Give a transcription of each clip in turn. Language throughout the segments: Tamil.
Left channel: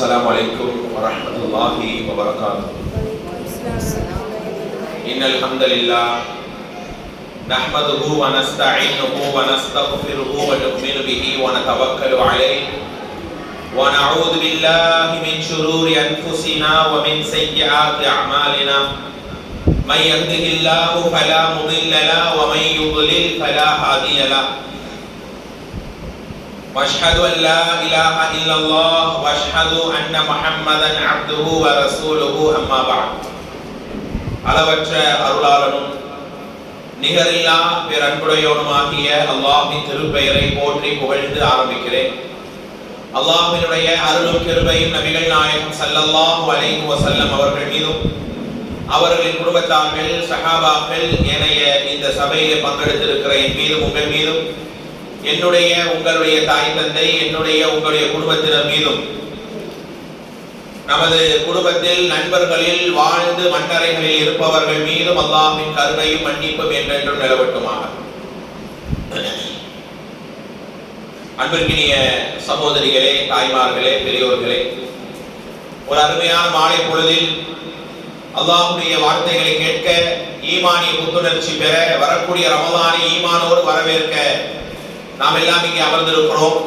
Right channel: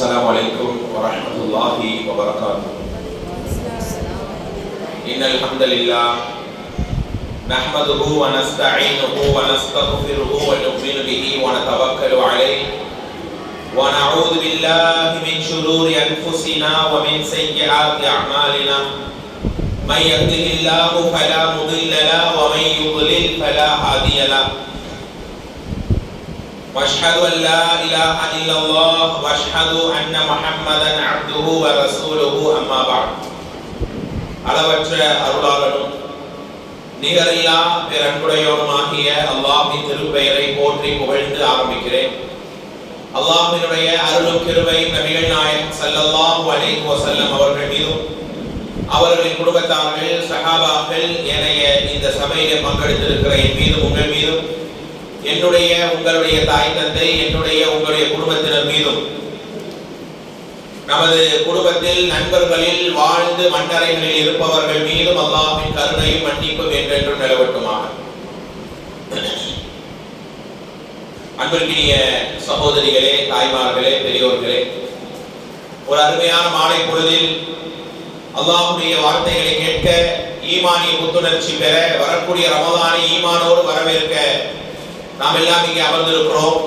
السلام عليكم ورحمة الله وبركاته. إن الحمد لله نحمده ونستعينه ونستغفره ونؤمن به ونتوكل عليه ونعوذ بالله من شرور أنفسنا ومن سيئات أعمالنا من يهده الله فلا مضل له ومن يضلل فلا هادي له واشهد ان لا اله الا الله واشهد ان محمدا عبده ورسوله اما بعد. அளவற்ற அருளாளனும் நிகரில்லா பேரன்புடையவனுமாகிய அல்லாஹ்வின் திருப்பெயரை போற்றி புகழ்ந்து ஆரம்பிக்கிறேன். அல்லாஹ்வினுடைய அருளும் கிருபையும் நபிகள் நாயகம் ஸல்லல்லாஹு அலைஹி வஸல்லம் அவர்கள் மீதும் அவர்களின் குடும்பத்தார்கள் சஹாபாக்கள் ஏனைய இந்த சபையிலே பங்கெடுத்திருக்கிற என் மீதும் உங்கள் மீதும் என்னுடைய உங்களுடைய தாய் தந்தை என்னுடைய உங்களுடைய குடும்பத்தினர் மீதும் நமது குடும்பத்தில் நண்பர்களில் வாழ்ந்து மன்னரைகளில் இருப்பவர்கள் மீதும் அல்லாஹ்வின் கருணையும் மன்னிப்பும் என்றென்றும் நிலவட்டுமாக. அன்பிற்கினிய சகோதரிகளே, தாய்மார்களே, பெரியோர்களே, ஒரு அருமையான மாலை பொழுதில் அல்லாஹ்வுடைய வார்த்தைகளை கேட்க ஈமானிய புத்துணர்ச்சி பெற வரக்கூடிய ரமலானை ஈமானோடு வரவேற்க நாம் எல்லாம் இங்கே அமர்ந்திருக்கிறோம்.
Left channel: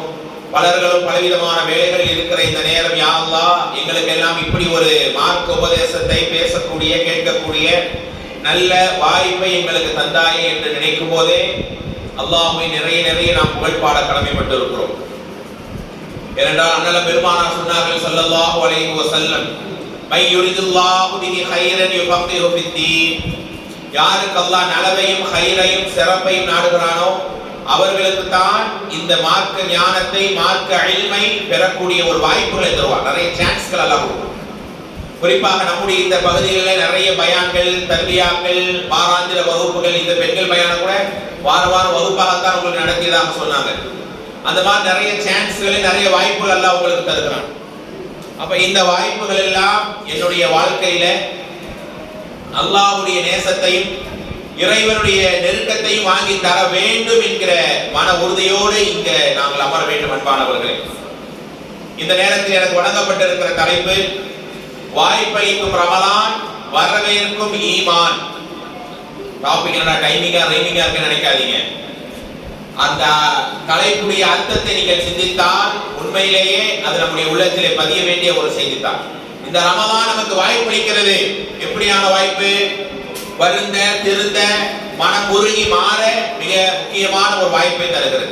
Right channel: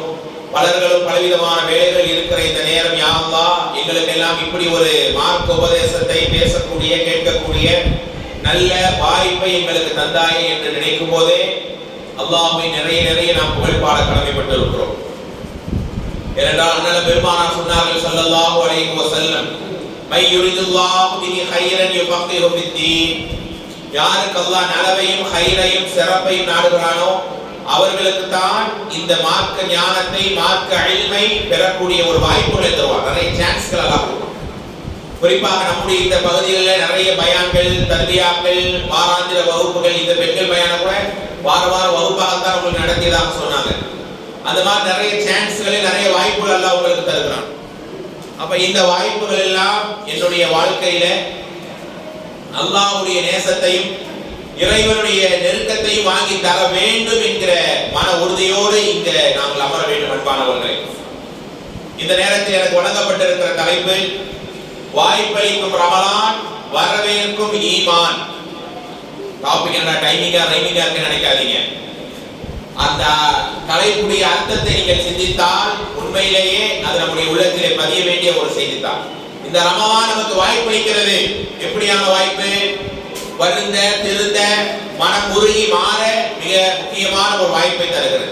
பலர்களும் பலவிதமான வேலைகள் இருக்கிற இந்த நேரம் யா அல்லாஹ் எங்களுக்கு எல்லாம் இப்படி ஒரு மார்க்க உபதேசத்தை பேசக்கூடிய கேட்கக்கூடிய நல்ல வாய்ப்பை எங்களுக்கு தந்தாயே என்று நினைக்கும் போதே அல்லாஹ்வை நிறைய நாம் புகழ் பாட கடமைப்பட்டிருக்கிறோம். ஏனென்றால் அண்ணல் பெருமானார் சொன்னார்கள் ஸல்லல்லாஹு அலைஹி வஸல்லம், மை யுரிதுல்லாஹு பிஹி கைரன் யுஃபக்கிஹு ஃபித்தீன், யாருக்கு அல்லாஹ் நலவையும் கைரையும் சிறப்பையும் நாடுகிறானோ அவர்களுக்கு தான் இந்த மார்க்க ஞானத்தை மார்க்க இல்மை பெறக்கூடிய ஒரு வாய்ப்புகளை தருவார். நிறைய சான்ஸ்கள் எல்லாம் கொடுக்கும். குறிப்பாக நம்முடைய இந்த பகுதிகளில் நிறைய பயான்கள், தர்பியாக்கள், வாராந்திர வகுப்புகள், இந்த பெண்கள் பயான கூட வார வகுப்பாகத்தான் உங்களுக்கு நடத்தியதாக சொன்னாங்க. அந்த மாதிரி நிறைய சான்ஸ்களை நிறைய வாய்ப்புகள் எல்லாம் உங்களுக்கு தருகிறான். அப்ப இந்த வாய்ப்புகள் எல்லாம் என்னுடைய வாழ்க்கையில அல்லாஹ்வுடைய நேசத்தையும் இறைவனுடைய நெருக்கத்தையும் வாங்கி தர வேண்டும் என்கிற மன உறுதியோடு இங்க நாங்கள் அமர வேண்டும். அன்பானவர்களே, இந்த நேரத்தில் எனக்கு வழங்கப்பட்டிருக்கிற தலைப்பு வாய்ப்பளிக்கும் ரமலான் வரவேற்கும் ஈமான். டாபிக் என்ன டைமிங்கா ரைமிங்கா இருக்கு நினைக்காதீங்க. அந்த தலைப்புடைய அர்த்தத்தை நீங்கள் சிந்தித்தால் உண்மையிலேயே அது நம்முடைய உள்ளத்திலே பதிய வேண்டிய ஒரு செய்தித்தான். இந்த ரமலான் நமக்கு வாய்ப்பளிக்கிறது. எப்படியான வாய்ப்பு? வருந்த திருந்த மனம் உருகி மாற மிக முக்கியமான ஒரு வாய்ப்பை தருகிறது.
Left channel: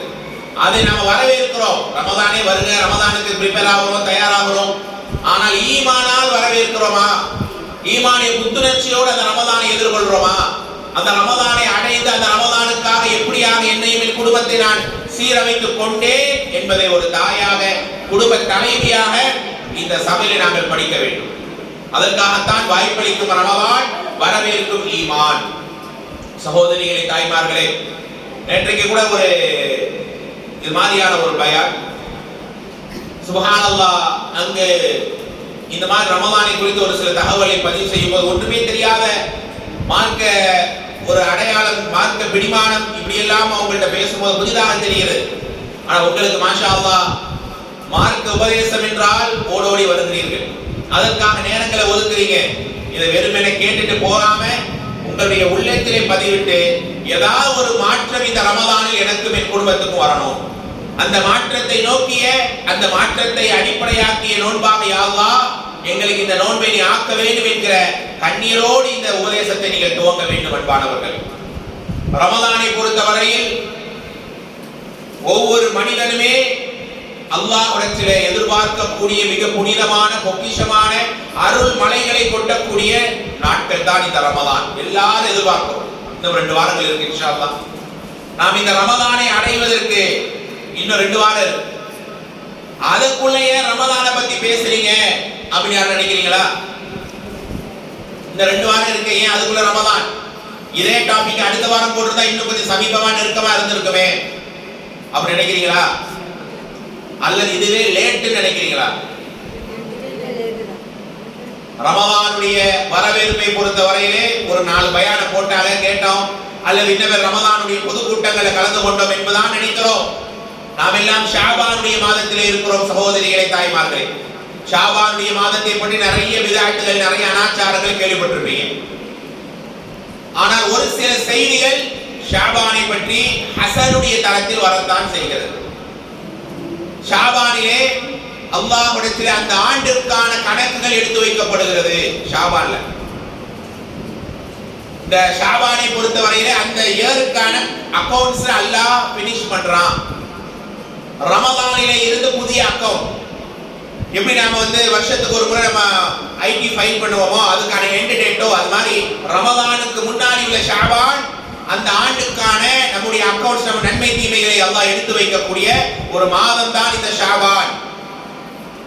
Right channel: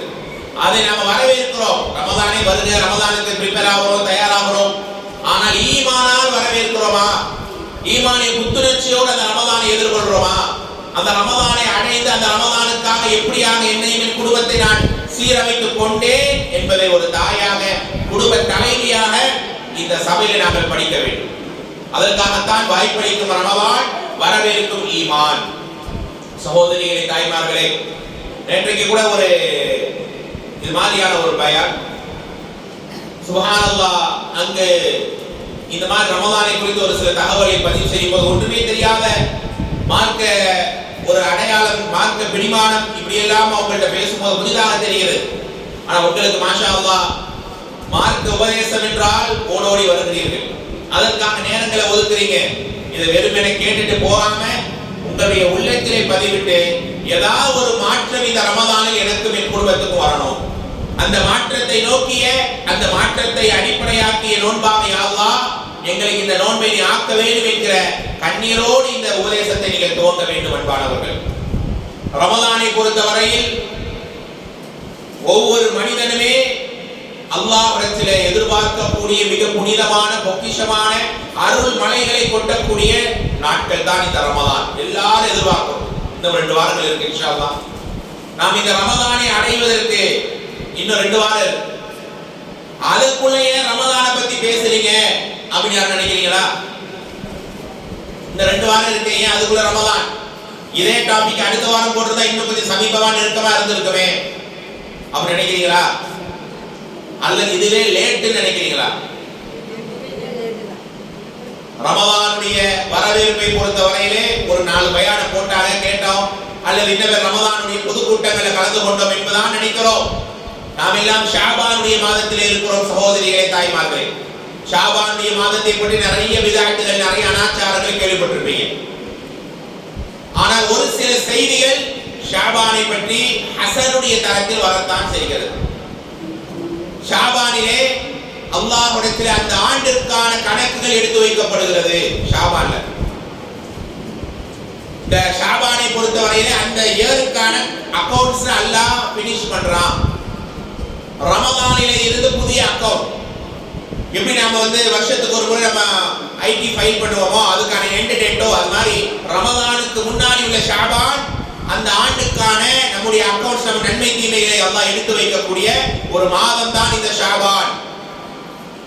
அதை நம்ம வரவேற்கிறோம். ரமலானே வருக, ரமலானுக்கு ப்ரிப்பேர் ஆகிறோம், தயாராகிறோம். ஆனால் ஈமானால் வரவேற்கிறோமா? ஈமானிய புத்துணர்ச்சியோடு அந்த ரமலானை எதிர்கொள்றோமா? அந்த ரமலானை அடைந்து அந்த ரமலானுக்காக எப்படியாக என்னையும் என் குடும்பத்தை நான் சீரமைத்துக் கொண்டேன் என்பதை ஒரு தாயாக, குடும்ப தலைவியாக இந்த சபையில நாங்கள் படிக்க வேண்டும். அதற்காகத்தான் வாய்ப்பளிக்கும் ரமலான் வரவேற்கும் ஈமான். சகோதரிகளே, தாய்மார்களே, நேற்றைக்கு கூட ஒரு இது மாதிரியான ஒரு பயான், சுப்ஹானல்லாஹ், அங்கு இந்த மாதிரி ரமலானை குறித்து ஒரு சில தகவலை பதிவு செய்யும் போது ஒன்றுமே தெரியாத மார்க்க ஒரு அடையாளம், மார்க்க பிடிமானம் இப்படி எல்லாம் அவங்கள்ட்ட பேசும்போது புதிதாக தெரிகிறது. ஆனா உங்களுக்கு மாஷா அல்லாஹ் மார்க்க உபதேசம் என்றால் ஓடோடி வருகிறீர்கள். அதற்காக நேரங்களை ஒதுக்குறீங்க. இதை வெறுமனே கேட்டுட்டு போகாம உங்களுடைய உள்ளத்திலே பதிவிட்டு ஏதாவது ஒரு மாற்றம் இந்த ரமலானில் எனக்கும் என் குடும்பத்துக்கும் வரணும், அந்த மாற்றத்தை நோக்கிய, அந்த மாற்றத்தை அடிப்படையாக்கிய நோன்பாக யா அல்லாஹ் எங்களுக்கு இந்த நோன்பை நீ ஆக்க வேண்டும் என்கிற கண்ணீரோடு இந்த உபதேசத்தை நீங்கள் துவங்க வேண்டும். அன்பானவர்கள், ரமலானை பொறுத்தவரையில் ஒவ்வொரு மனிதனுமே அல்லாஹ்விடத்திலே எதிர்பார்க்கக்கூடிய மிக புனிதமான பொக்கிஷமான அருள் மலைகளை கொட்டக்கூடிய நாட்கள் தான் இந்த ரமலான். எல்லாரும் எதிர்பார்க்கிறோம். இன்னும் 2 வாரங்கள் இருக்கு இன்ஷா அல்லாஹ். நாம் இந்த ரமலானை அடைவதற்கு இன்னும் 2 வாரம் இருக்கு. அதுக்குள்ளேயே ரமலானை பத்தி பேசுறீங்க அப்படின்னு யாரும் நினைக்கிறீங்களா? இந்த 2 வாரம் இருக்கு, ஏன் அதுக்குள்ள ரமலான்? இதே டாபிக் அடுத்த வாரம் போட்டுருந்தா இன்னும் கொஞ்சம் சமீபமா நெருக்கமா இருந்திருக்குமே அப்படி நினைக்கிறீங்களா? அல்லது இதுவே லேட் நினைக்கிறீங்களா? ரமலானுடைய வரவேற்பை பொறுத்த வரையிலே ஒரு 4 பயானம் போட்டாங்க, கேட்டோம், அல்லது இன்னவர் ரமலானுடைய பொதுக்கூட்டங்களில் கலந்து கொண்டோம் என்பதான் நினைக்கிறோம். நாம் எல்லாம் ஷாபானுடைய மாதத்திலே இருக்கிறோம். சகோதரிகளே, தாய்மார்களே, ஷாபானுடைய மாதத்தை பற்றி நிறைய விதாயத்துகள், நிறைய அனாச்சாரங்கள் கேள்விப்பட்டிருப்பீங்க. ஆனால் ஒரு சில செய்திகள் ஷாபானை பற்றி ஹசனுடைய தரத்தில் வரத்தான் செய்கிறது. ஷாபானிலே அல்லாஹ்விடத்தில் அந்த ஆண்டிற்கான கணக்குகள் எடுத்து வைக்கப்படுகிறது. ஷாபான்ல இந்த ஷாபானை பொறுத்தவரையிலே அந்த இயருக்கான அக்கவுண்ட்ஸ் அல்லாஹ் பினிஷ் பண்றான். ரமலானிலே இருந்து புதிய அக்கவுண்ட் எப்படி நாம வருஷத்துக்கு ஒரு முறை நம்ம ஐடி ஃபைல் பண்ணுவோமோ அதுக்கான எண்ட் டேட்டோ, அது மாதிரி ரமலானுக்கு முன்னாடி உள்ள ஷாபான் அந்த ஆண்டுக்கான நம்முடைய அக்கவுண்ட்ஸ், நம்ம நன்மை தீமைகளை அல்லாஹ் எடுத்து வைக்கக்கூடிய ஒரு மாதம் தான் இந்த ஷாபான்.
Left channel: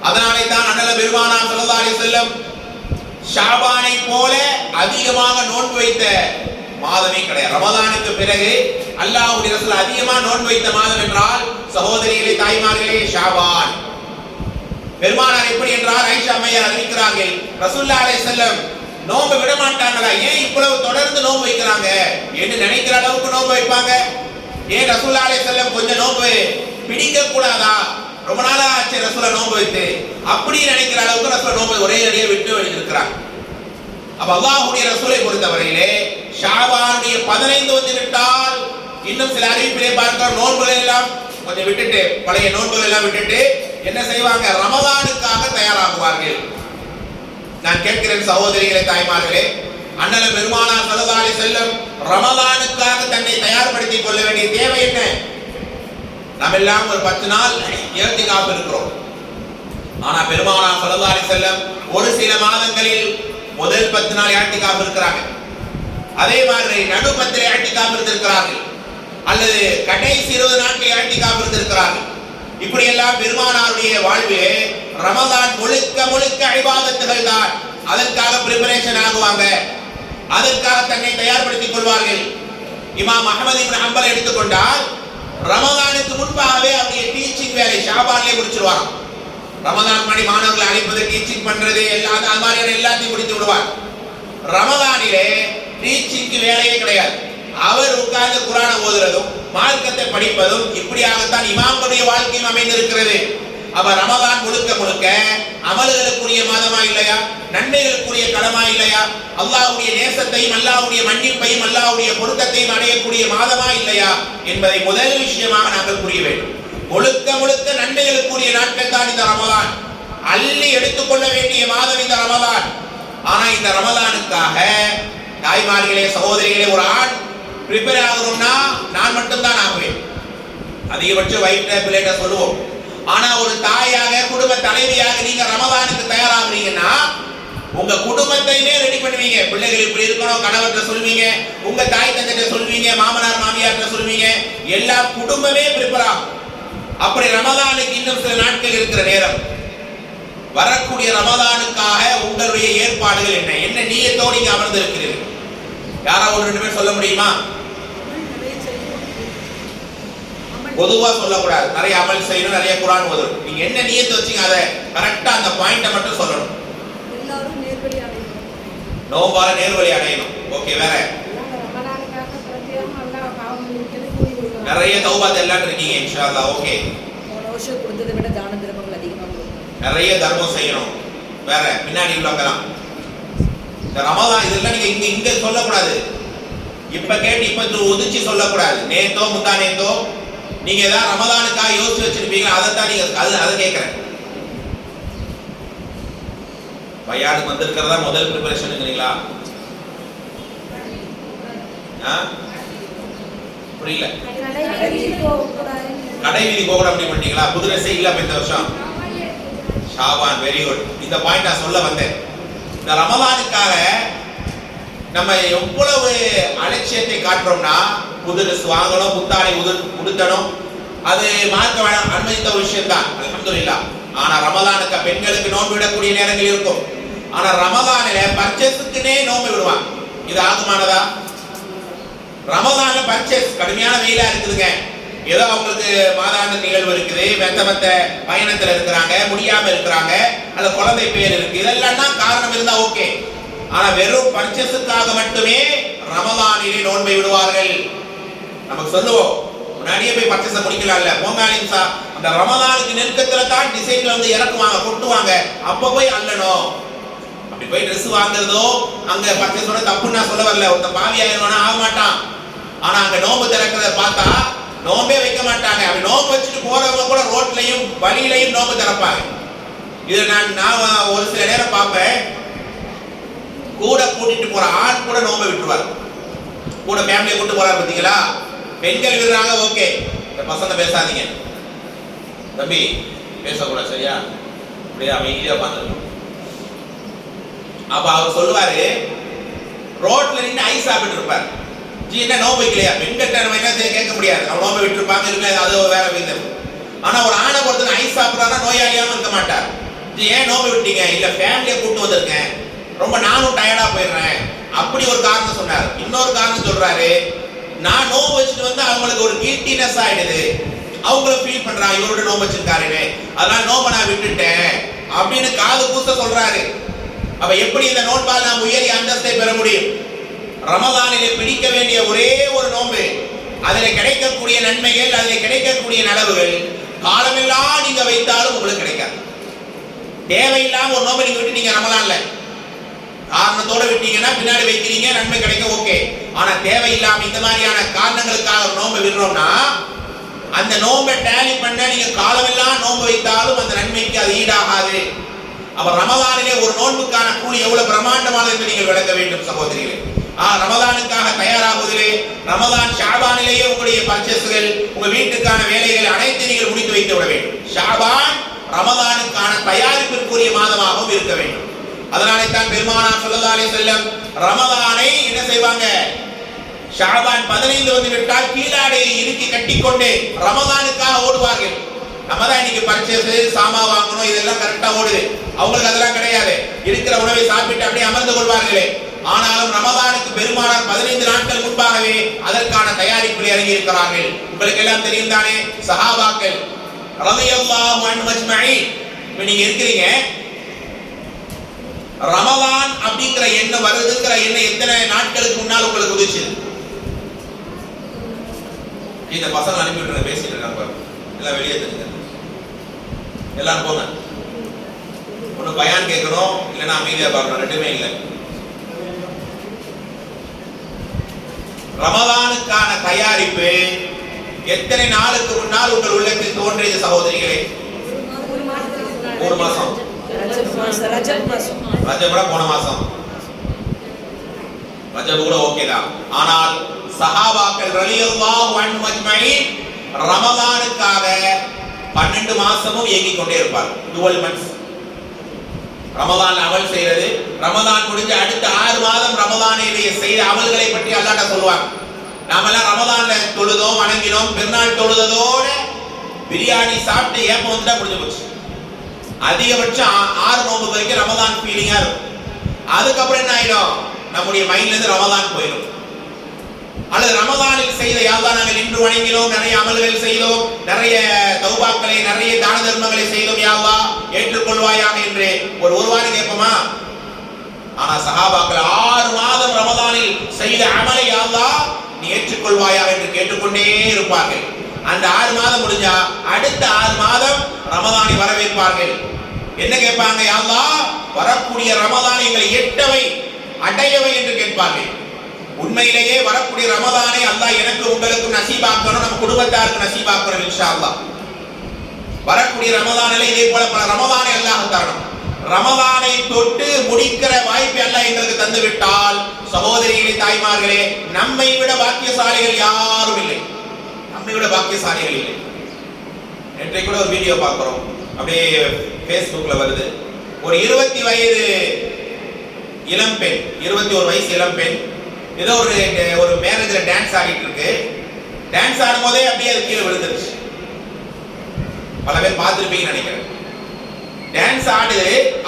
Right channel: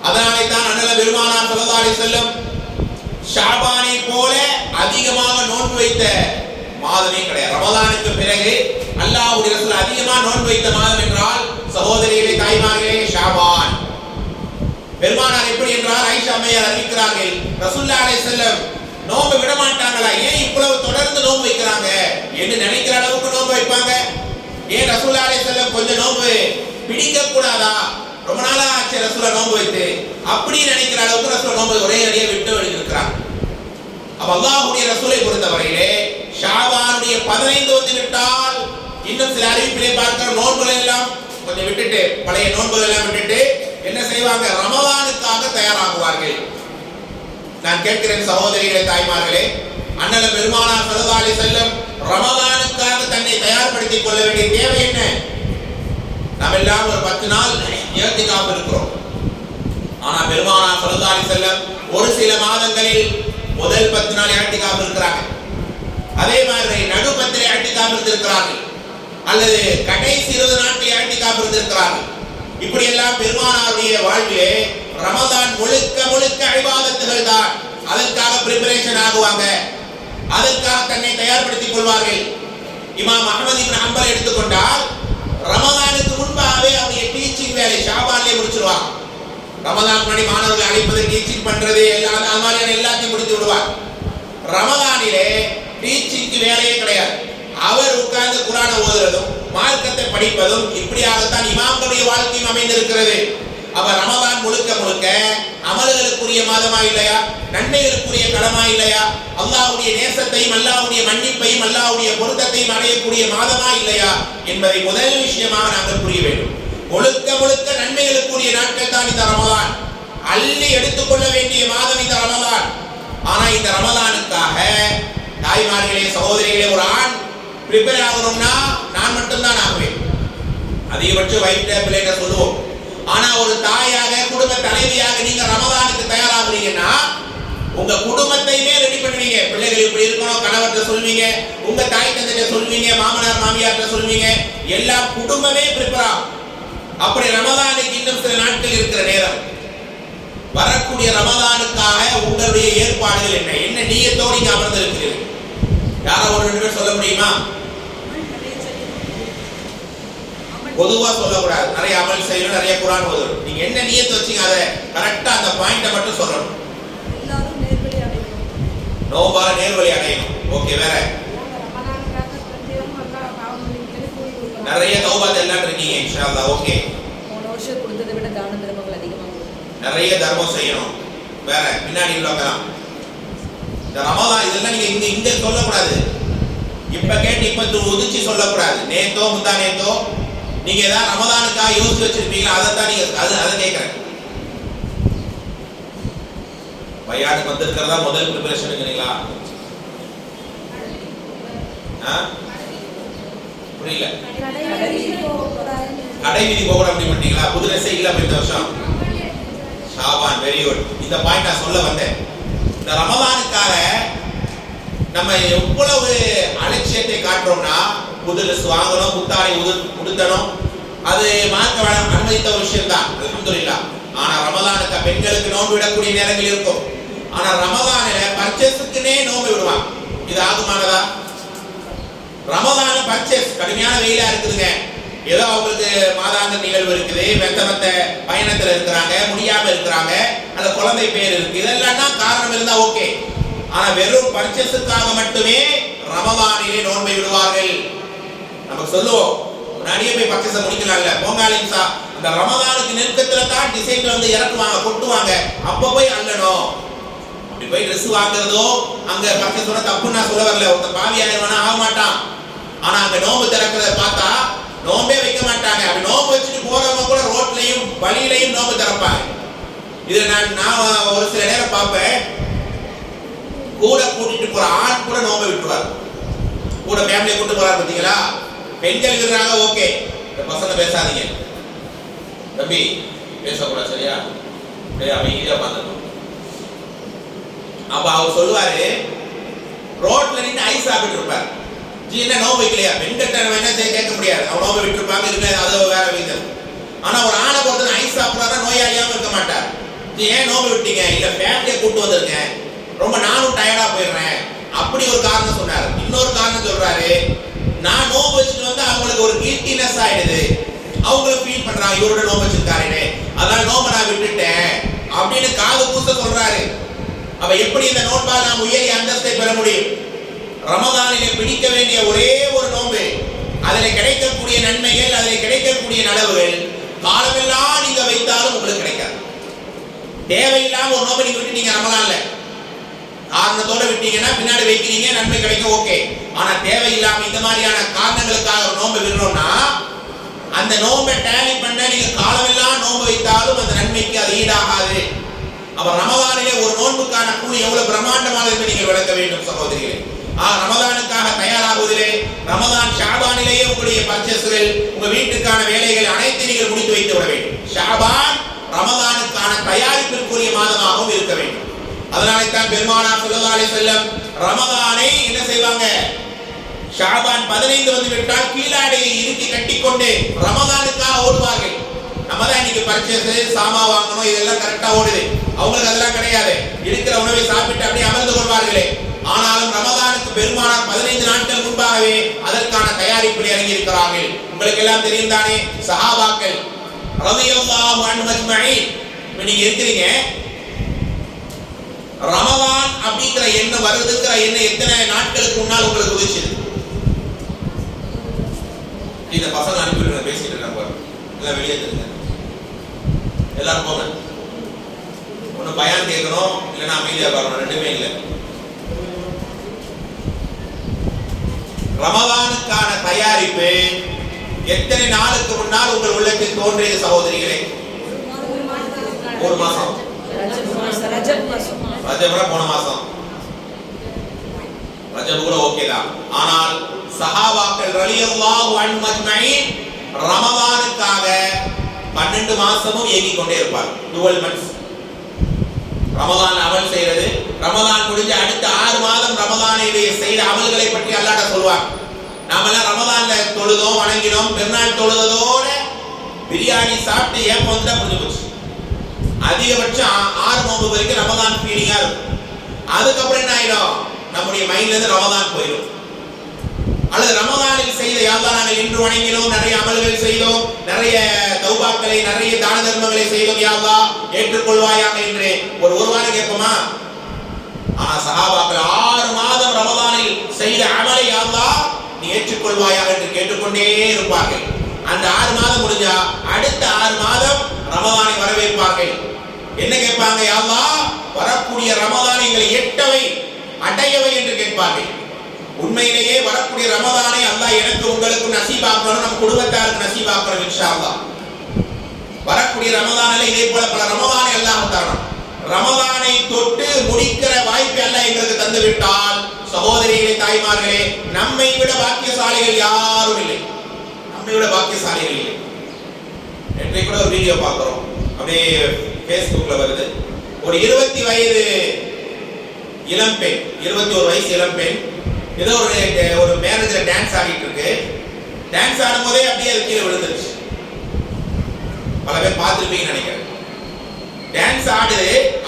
அதனாலே தான் அண்ணல் பெருமானார் ஸல்லல்லாஹு அலைஹி வஸல்லம் ஷாபானை போல அதிகமாக நோன்பு வைத்த மாதமே கிடையாது. ரமலானுக்கு பிறகு அல்லாஹ்வுடைய ரசூல் அதிகமாக நோன்பு வைத்த மாதம் என்றால் சகோதரிகளே, தாய்மார்களே, ஷாபான். பெருமானார் எப்படி என்றால் ஆயிஷா அம்மையார் அறிவிக்கிறார்கள், ரசூலுல்லாஹி அலைஹி வஸல்லம் நோன்பு விட மாட்டாங்களா, ஏன் இவ்வளவு தொடர்ந்து நோன்பு வைக்கிறாங்க என்று நினைக்கிற அளவுக்கு நோன்பு வைப்பாங்க. ஏன் ரசூலுல்லாஹி அலைஹி வஸல்லம் கொஞ்சம் நோன்பு பிடிக்க கூடாதா, ரொம்ப நாளா ஆச்சு ரசூலா நோன்பு வைத்து, அப்படி நினைக்கிற அளவுக்கு ரசூலா நோன்பு ஒரே அடியா விட்டு இருக்கிறாங்க. அப்ப அல்லாஹ்வுடைய ரசூலை பொறுத்தவரையிலே ஷாபானுடைய 15 வந்து விட்டால் இன்னும் சில அறிவிப்பிலே பார்க்கிற நோன்புகளை எல்லாம் கொஞ்சம் விட்டுட்டு, பழைய நோன்புகளை எல்லாம் விட்டுட்டு என்ன செய்வாங்க, ரமலானுக்காக தயாராகுவார்கள். நான் கேட்கிறேன் சகோதரிகளே, தாய்மார்களே, அண்ணல் பெருமானார் ஸல்லல்லாஹு அலைஹி வஸல்லம் ரமலானுக்காக தன்னை தயார்படுத்திக் கொள்ள வேண்டிய தேவை என்ன? நாம் எல்லாம் ஒரு 10 நாள் இஹ்திகாஃப் இருக்கிறோம். ஆனா பெருமானார் ஸல்லல்லாஹு அலைஹி வஸல்லம் ஒரு சில மாதங்களில் முதல் 10 நாள் இஹ்திகாஃப் இருக்கிறாங்க. அதே மாதிரி நடு 10 இஹ்திகாஃப் இருந்திருக்கிறார்கள், அல்லது கடைசி 20 நாட்கள் இஹ்திகாஃப் இருந்திருக்கிறார்கள். இப்படி எல்லாம் பெருமானாருடைய வாழ்விலே ரமலான் முழுக்க முழுக்க இபாதத்துகள் தான். அதற்காக பிரிபரேஷன் ஆகுவாங்க, அதற்காக தன்னை தயார்படுத்திக் கொள்வார்கள். இமாம் அஹ்மத் இப்னு ஹம்பல் எடுத்துக்கொண்டால் ரமலானுக்கு முன்பாகவே அவருடைய டீச்சிங் வேலை ஷாபான்லே முடிச்சிருவாங்க. ரமலான் மணி மாணவர்களை அழைப்பது, டீச்சிங் பண்றது, எல்லாம் அது மாதிரியான எல்லாத்தையும் முடித்து விடுவார். ரமலானிலே டீச்சிங்க்கு வேலையே கிடையாது. அவர் உட்கார்ந்து குர்ஆனை ஓதுறதும் மார்க்கத்தை படிப்பதும் இப்படியாகத்தான் இமாம்களுடைய வாழ்க்கையும் அமைந்திருக்கிறது. அப்ப ரமலான் முழுக்க முழுக்க அமல்களுக்குரிய மாதமா இல்லையா, நன்மைகளுக்குரிய களமா இல்லையா, அல்லாஹ்வுடைய நேசத்தையும் அல்லாஹ்வுடைய மன்னிப்பையும் அல்லாஹ்வுடைய பொருத்தத்தையும் அடையக்கூடிய மாதமா இல்லையா என்பதை முதல் விஷயமாக நாங்கள் புரிய வேண்டும். முழுக்க முழுக்க நன்மைகளுக்குரிய நாட்கள் தான் இந்த ரமலான். அள்ளி எடுத்துக்கொள்ள வேண்டிய மாதம் இந்த ரமலான். ஆனா இந்த ரமலானுக்காக தாய்மார்களே, சகோதரிகளே, ஒரு ஆண் ப்ரிப்பேர் ஆகணும்னா நான் மட்டும்தான் ஆகுவேன், அதிகபட்சம் வயிற்ற பிள்ளைகிட்ட சொல்லுவோம். ஆனா ஒரு தாயாக, குடும்ப தலைவியாக நீங்க ரமலானுக்கு தயாராகுறீங்கன்னா உங்க குடும்பத்தையுமே ரெடி பண்ணுவீங்க. பிள்ளைகள் இப்படி இருக்கணும், கணவர்கிட்ட சொல்வீங்க, உங்க தாய் தந்தைகிட்ட சொல்வீங்க, மாமனார் மாமியார்கிட்ட சொல்வீங்க, எல்லா குடும்பமே ப்ரிப்பேர் ஆகும். அப்படி ரமலானுக்கு இன்னும் சில நாட்கள் இருக்கிற நேரம், வரக்கூடிய ரமலானுக்காக உங்களுடைய ஏற்பாடுகள் என்ன, என்ன நியத்தோடு நீங்க அமர்ந்து இருக்கிறீர்கள்? யாராவது ஒரு 2 பேர் சொல்ல முடியுமா? பொதுவா சொல்லக்கூடாது, நிறைய அமல் செய்யணும், நிறைய குர்ஆன் ஓதணும். நீங்க என்ன நியத்து வச்சீங்க அதை கரெக்டா அந்த பாயிண்ட மட்டும் சொல்லணும். எல்லாரும் நேர்வழி அடையணும், நோம்பால நேர்வழி அடையணும். ஓகே, வேற நிறைய தௌபாத் எல்லாம் இருக்கீங்க இன்ஷா அல்லாஹ். ஓகே, போன வருஷம் கொடுத்ததை விட தான தர்மங்கள் அதிகமாக கொடுக்கணும், நிறைய தர்மம் செய்யணும். வேற பின்னாடி உள்ளவங்கலாம் இந்த ரமலான் இதெல்லாம் நீங்க இங்க சொல்லக்கூடாது. இப்ப கேட்டு இப்ப உதிச்சு சொல்லக்கூடாது. நேத்தோ முந்தா நேத்தோ நீங்க ஏதாவது ரமலானுக்காக யோசிச்சு வச்சிருப்பீங்களா, அதைத்தான் நீங்க அதை கேட்கிறேன். பையானுக்கு வந்திருக்கிறதா முதல் ப்ரிப்பரேஷனுங்கிறீங்களா? புரியல. கடை வீதி போகணும் அப்படி பண்ணிட்டீங்களா? புது ட்ரெஸ்ஸே இல்ல இந்த வருஷம். Shaban, very good. இந்த பாயிண்ட் நான் சொல்ல வந்தேன். இந்த ரமலானுக்காக நம்ம எவ்வளவு அலட்சியத்தை காட்டுறோம்னா, புது ட்ரெஸ் வாங்கணும், புத்தாடை உடுத்தணும், அது மார்க்க அனுமதித்த ஒரு விஷயம் தான், அல்ஹம்துலில்லாஹ். ஆனா ரமலானுக்கு பெண்களுக்கு நோன்பு விடக்கூடிய நேரங்கள் இருக்கும். ஆனா ரமலானில பர்ச்சேஸுக்குனே நோன்பு விடுவாங்க. இது ஆகுமானதா? ரமலான பர்ச்சேஸ் கடுமையான வெயிலா இருக்குதுங்க, ஏதோ அவங்களுக்கு மாதாந்த நிகழ்வு இருக்குது, மெத்த பயணத்துல இருக்கிறாங்க, முடியாம இருக்கிறாங்க, அந்த குழந்தை பேர் இருக்கு, இதெல்லாம் தான் காரணம் இருந்தா ஓகே. ஆனா வெறும் பர்ச்சேஸுக்காக மட்டுமே ரமலானிலே நோன்பை விடுவார்கள். நமக்கு சொல்லுவோம், முன்னாடியே போய் பர்ச்சேஸ் முடிக்கலாம்ல, போங்காலிம்சா அந்த அந்த ரமதானுக்கு நெருக்கத்துல தான் டிசைன் வந்து இறக்குவாங்க, கொட்டுவாங்க. அப்ப போய் அள்ளணும். அப்படி போய் ட்ரெஸ் வாங்குறதோ அங்க பர்ச்சேஸ் பண்ண தப்புன்னு நான் சொல்ல வரல. ஒருத்த பாவி ஆயிடுவானா ஆக மாட்டான். ஆனா அங்க நோம்பு திறக்கிறத பார்த்தா நோம்பே வைக்க மாட்டாங்க. அப்படி நோம்பு வச்சுட்டு போறவங்க கூட ரோட்லயும் வழியிலையும் நோம்பு திறப்பாங்க. இது நான் ஒரு சில நேரம் பார்ப்பேன். கூட கூட்டிட்டு போற ஆண் கூட நோம்பை விட்டுருவார். கூட ஃபேமிலியை கூட்டு போறாரு பார்த்தீங்களா? பெண்கள் விடுறாங்க, ஓகே, இந்த பசங்க பேசாதீங்க தம்பி, பேசக்கூடாது, சரியா? அப்படியே அமைதியா பார்த்துருக்கோம். அப்ப அவர் சொல்லுவாரு, ரோட்ல நின்று ஐஸ் சாப்பிட்டு இருப்பார். ஜி என்ன நோம்பு வைக்கலையா? பெண்கிட்ட என்ன செய்ய கேட்க முடியாது. அவங்க நோம்பு விட்டு இருப்பாங்க, இருக்கல, அது வேற விதம். ஆனா ஒரு ஆணை பொறுத்த ஐஸ் சாப்பிட்றாருன்னா நோயாளியாம இருக்க மாட்டார். ஜி ஏன் நோம்பு விட்டீங்க? இல்ல ஃபேமிலியை கூட்டு வந்திருக்கேன், ரொம்ப நானும் டயர்டா போயிடுறேன், அப்படி ஒரு காரணம் சொன்னார். இன்னொரு காரணம் சொல்றாரு, நான் நோம்பு வச்சுட்டு வந்து அவங்களுக்கு ஒரு கில்ட்டினஸ் ஆயிடுது, அவங்களும் ஃபீல் பண்றாங்க இவரோட நோம்பு வச்சிருக்காருன்னு, அதனால நோம்பை நான் விட்டுட்டேன் அப்படின்னு காது கூச சொல்றாரு. அப்ப எப்படி இந்த நோன்பால் நாம் உயரிய அந்தஸ்தை பெற முடியும்? ரமதானிலே பிடிக்க வேண்டிய ஒரே ஒரு நோன்பு, அதில் கிடைக்கக்கூடிய நன்மைகள், அதில் கிடைக்கக்கூடிய நலவுகள் காலமெல்லாம் நீங்க வைத்தாலும் உங்களுக்கு கிடைக்காது. தேவையில்லாம ஒரு நோன்பை நீங்க விட்டுட்டீங்க ரமதான்ல, காரணத்தோட விட்டீங்கன்னா பின்னாடி வைக்கிறீங்க, நன்மை கிடைக்கும், ஓகே. ஆனா தேவையில்லாம இந்த மாதிரியான காரணங்களுக்காக ஒரு நோன்பை விடுறோம்னா அந்த நோன்பை டேலி பண்ண நீங்க காலமெல்லாம் நோன்பு வைத்தாலும் அந்த நன்மைக்கு அது ஈடாகாது. அப்ப ரமதானிலே ஒரு நோன்புக்கான கூலி எவ்வளவு பிரம்மாண்டமானது என்று நீங்கள் விளக்க வேண்டும் சகோதரிகளே. ரமதானுக்காக தயாராகுவதிலே, ரமதான் ஷாபானிலேயே உங்களுடைய பர்ச்சேஸ்கள், உங்க வீட்டுக்கான வேலைகள் அனைத்தையும் நீங்கள் முடித்து வைத்து விட வேண்டும். ஷாபான் ரமதானுக்கான தயாரிப்பிற்குரிய மாதமாகவும் இருக்க வேண்டும். அதனாலே தான் பெருமானார் ஸல்லல்லாஹு அலைஹி வஸல்லம் ரமதானை என்ன செய்வாங்க? ஷாபான் 15 வந்து விட்டால் கீழாடையை இறுக்கி கட்டிக்கொண்டு ரமதானுக்காக ஓடுவார்கள். நம்ம தான் இன்னைக்கு பர்ச்சேஸ், சாமா வாங்கணும், இதெல்லாம் கரெக்டா ஓடுது. அவங்களுக்கு அதெல்லாம் கிடையாது. இருக்கிற உணவை சாப்பிட்டு அப்படியே அமர்ந்து கொள்வார்களே. ஆனாலும் ரமதானுக்கு பெருமானார் 15 நாட்கள் முன்பாகவே அதற்கான தயாரிப்பில் இறங்கி இருக்கிறார்கள். உங்களுக்கு எல்லாம் தெரியும் தானே, சஹாபாக்கள் ரலியல்லாஹு அன்ஹும் அஜ்மஈன். நீங்க இருக்கிறீங்க, ரமதான் அப்படிங்கிற எண்ணம் வருதுங்கிற எண்ணம் எத்தனை நாட்களுக்கு முன்னால் உங்களுக்கு உதிச்சது? இந்த பசங்க அனுப்பிவிட்டு பேசிட்டு இருக்காங்க பாருங்க, எல்லாம் வெளியே தெரியுங்க, எல்லாரும் போங்க. ஒண்ணு பயான் கேட்கணும், இல்லைன்னா அமைதியா பாருங்க, ரெண்டுமே இல்லை. ரமதானுக்கான தயாரிப்பு எத்தனை நாளுக்கு முன்னால் உங்கள் உள்ளத்தில் தோன்றியது சகோதரிகளே? 3 மாசம். ரஜப் போன மாசம், ரஜப் கூட ஓகே தான். ஆனால் சஹாபாக்கள் ரலியல்லாஹு அன்ஹும் அஜ்மஈன் ரமதானுக்காக 12 மாசமும் ஏங்கிக் கொண்டே இருப்பார். 12 months ரமதான் அமல் செய்யறது. ரமதான் முடிஞ்ச அடுத்த 6 மாதம் ரமதானிலே செய்த அமல்களை பற்றி அல்லாஹ் சொல்வார். நாமெல்லாம் ரமதான்ல தொழுதோம், வணங்கினோம், பெருநாள் தொழுததோட பிரியாணி சாப்பிட்டு ஏப்பம் வந்துட்டா முடிஞ்சு போச்சு. அதிகபட்சம் 6 நோன்பு வரைக்கும் ரமதான் ஃபீலிங்கா இருக்கும். அதுக்கப்புறம் என்ன ஆயிடும்? நம்முடைய மைண்ட்ல இருந்து ரமதான் போயிடும். அல்லது ரமதானில் செய்த யாரெல்லாம் நாங்கள் இன்று வணங்கினோம், நிறைய அமல்கள் செய்தோம், நிறைய தௌபாக்களை, நிறைய தான தர்மங்களை செய்தோம், யா அல்லாஹ் ஏற்றுக்கொள்வாயாக என்று ஒரு வாரம் கேட்போமா? ஆனா சஹாபாக்கள் 6 மாதம் ரமதானில் செய்த அமலை யா அல்லாஹ் நீ ஏற்றுக்கொள்வாயாக என்று கேட்டுக்கொண்டே இருப்பார்கள். அந்த 6 மாதம் முடிஞ்சா அடுத்த 6 மாதம் ரமதானை வரவேற்பார்கள். என்ன கேட்பாங்க? யா அல்லாஹ் வரக்கூடிய ரமதானை எங்களை எட்டவை, அடையவை என்று கேட்பார்கள். உண்மையிலேயே வரக்கூடிய ரமதானை அல்லாஹ் எனக்கு உங்களுக்கு நசீபாக்கணும், நம்ம குடும்பத்தாருக்கு நசீபாக்கணும் இன்ஷா அல்லாஹ். வரக்கூடிய ரமதானிலே இதே போல பல ரமதானை அல்லாஹ் தரணும். ரமதானை தொட்டு முடிக்கிற வாய்ப்பை அல்லாஹ் எங்களுக்கு தந்து விட்டால் சகோதரிகளே, தாய்மார்களே, நம்மை விட பாக்கியசாலிகள் யாரும் இல்லை. நம்மை விட பாக்கியசாலிகள் இல்லை. நேற்றைக்கு கூட ஒரு வீடியோ பார்க்கிறோம், அப்படியே Facebookல வருது. ஒரு 20 வயது இளம்பெண், 21 வயசு இளம்பெண் ஏதோ ஒரு மேரேஜ்ல டான்ஸ் ஆடிட்டு இருக்கு. டான்ஸ் ஆடும் போதே அப்படியே அது கீழே விழுந்துருச்சு. பல பேர் பார்த்துருப்பீங்கன்னு நினைக்கிறேன். டான்ஸ்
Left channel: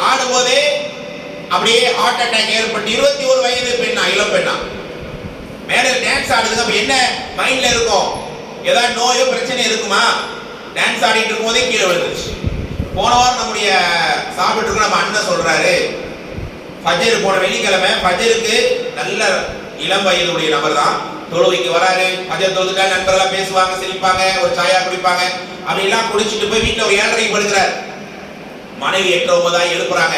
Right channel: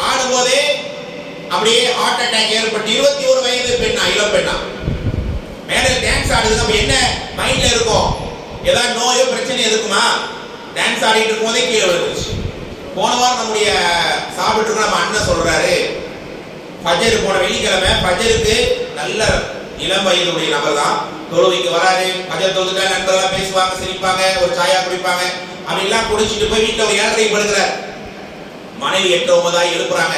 ஆடும் போதே அப்படியே ஹார்ட் அட்டாக் ஏற்பட்டு 21 வயது பெண்ணா, இளம் பெண்ணா, மேலே டான்ஸ் ஆடுதுங்க. அப்ப என்ன மைண்ட்ல இருக்கும்? ஏதாவது நோயோ பிரச்சனை இருக்குமா? டான்ஸ் ஆடிட்டு இருக்கும் போதே கீழே விழுந்துருச்சு. போன வாரம் நம்முடைய சாப்பிட்டு இருக்க நம்ம அண்ணன் சொல்றாரு, ஃபஜ்ர் போன வெள்ளிக்கிழமை ஃபஜ்ருக்கு நல்ல இளம் வயதுடைய நபர் தான், தொழுவைக்கு வராரு, பஜர் தொழுதுட்டா நண்பர்களா பேசுவாங்க, சிரிப்பாங்க, ஒரு சாயா குடிப்பாங்க. அப்படிலாம் குடிச்சிட்டு போய் வீட்டுல ஒரு 7:30 படுக்கிறார். மனைவி 8-9 எழுப்புறாங்க.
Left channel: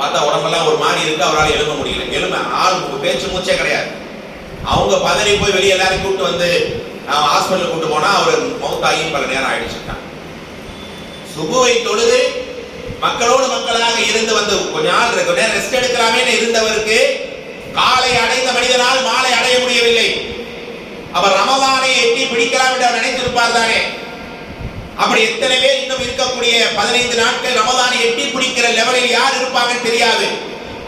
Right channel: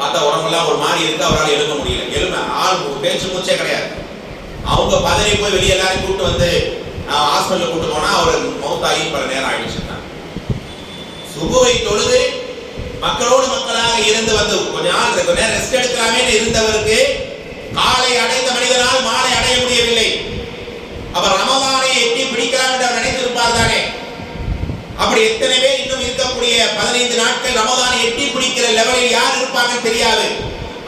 பார்த்தா உடம்பெல்லாம் ஒரு மாதிரி இருக்கு, அவரால் எழுத முடியல. ஆள் பேச்சு மூச்சே கிடையாது. அவங்க பதறி போய் வெளியே எல்லாரும் கூப்பிட்டு வந்து ஹாஸ்பிட்டல் கூட்டு போனா அவர் மௌத்தாகி பல நேரம் ஆயிடுச்சுட்டாங்க. சுபுவை தொழுது மக்களோடு மக்களாக இருந்து வந்து கொஞ்ச நேரம் ரெஸ்ட் எடுக்கலாமே இருந்தவருக்கு காலை அடைந்த மனிதனால் மாலை அடைய முடியவில்லை. அவர் ரமலானை எட்டி பிடிக்கலாம் என்று அவர் நினைத்திருப்பார் தானே. அப்படி எத்தனை பேர் இன்னும் இருக்கக்கூடிய 15 நாட்கள் ரமலானை எட்டி பிடிக்கிற லெவலில் யார் இருப்பாங்கன்னு தெரியாது.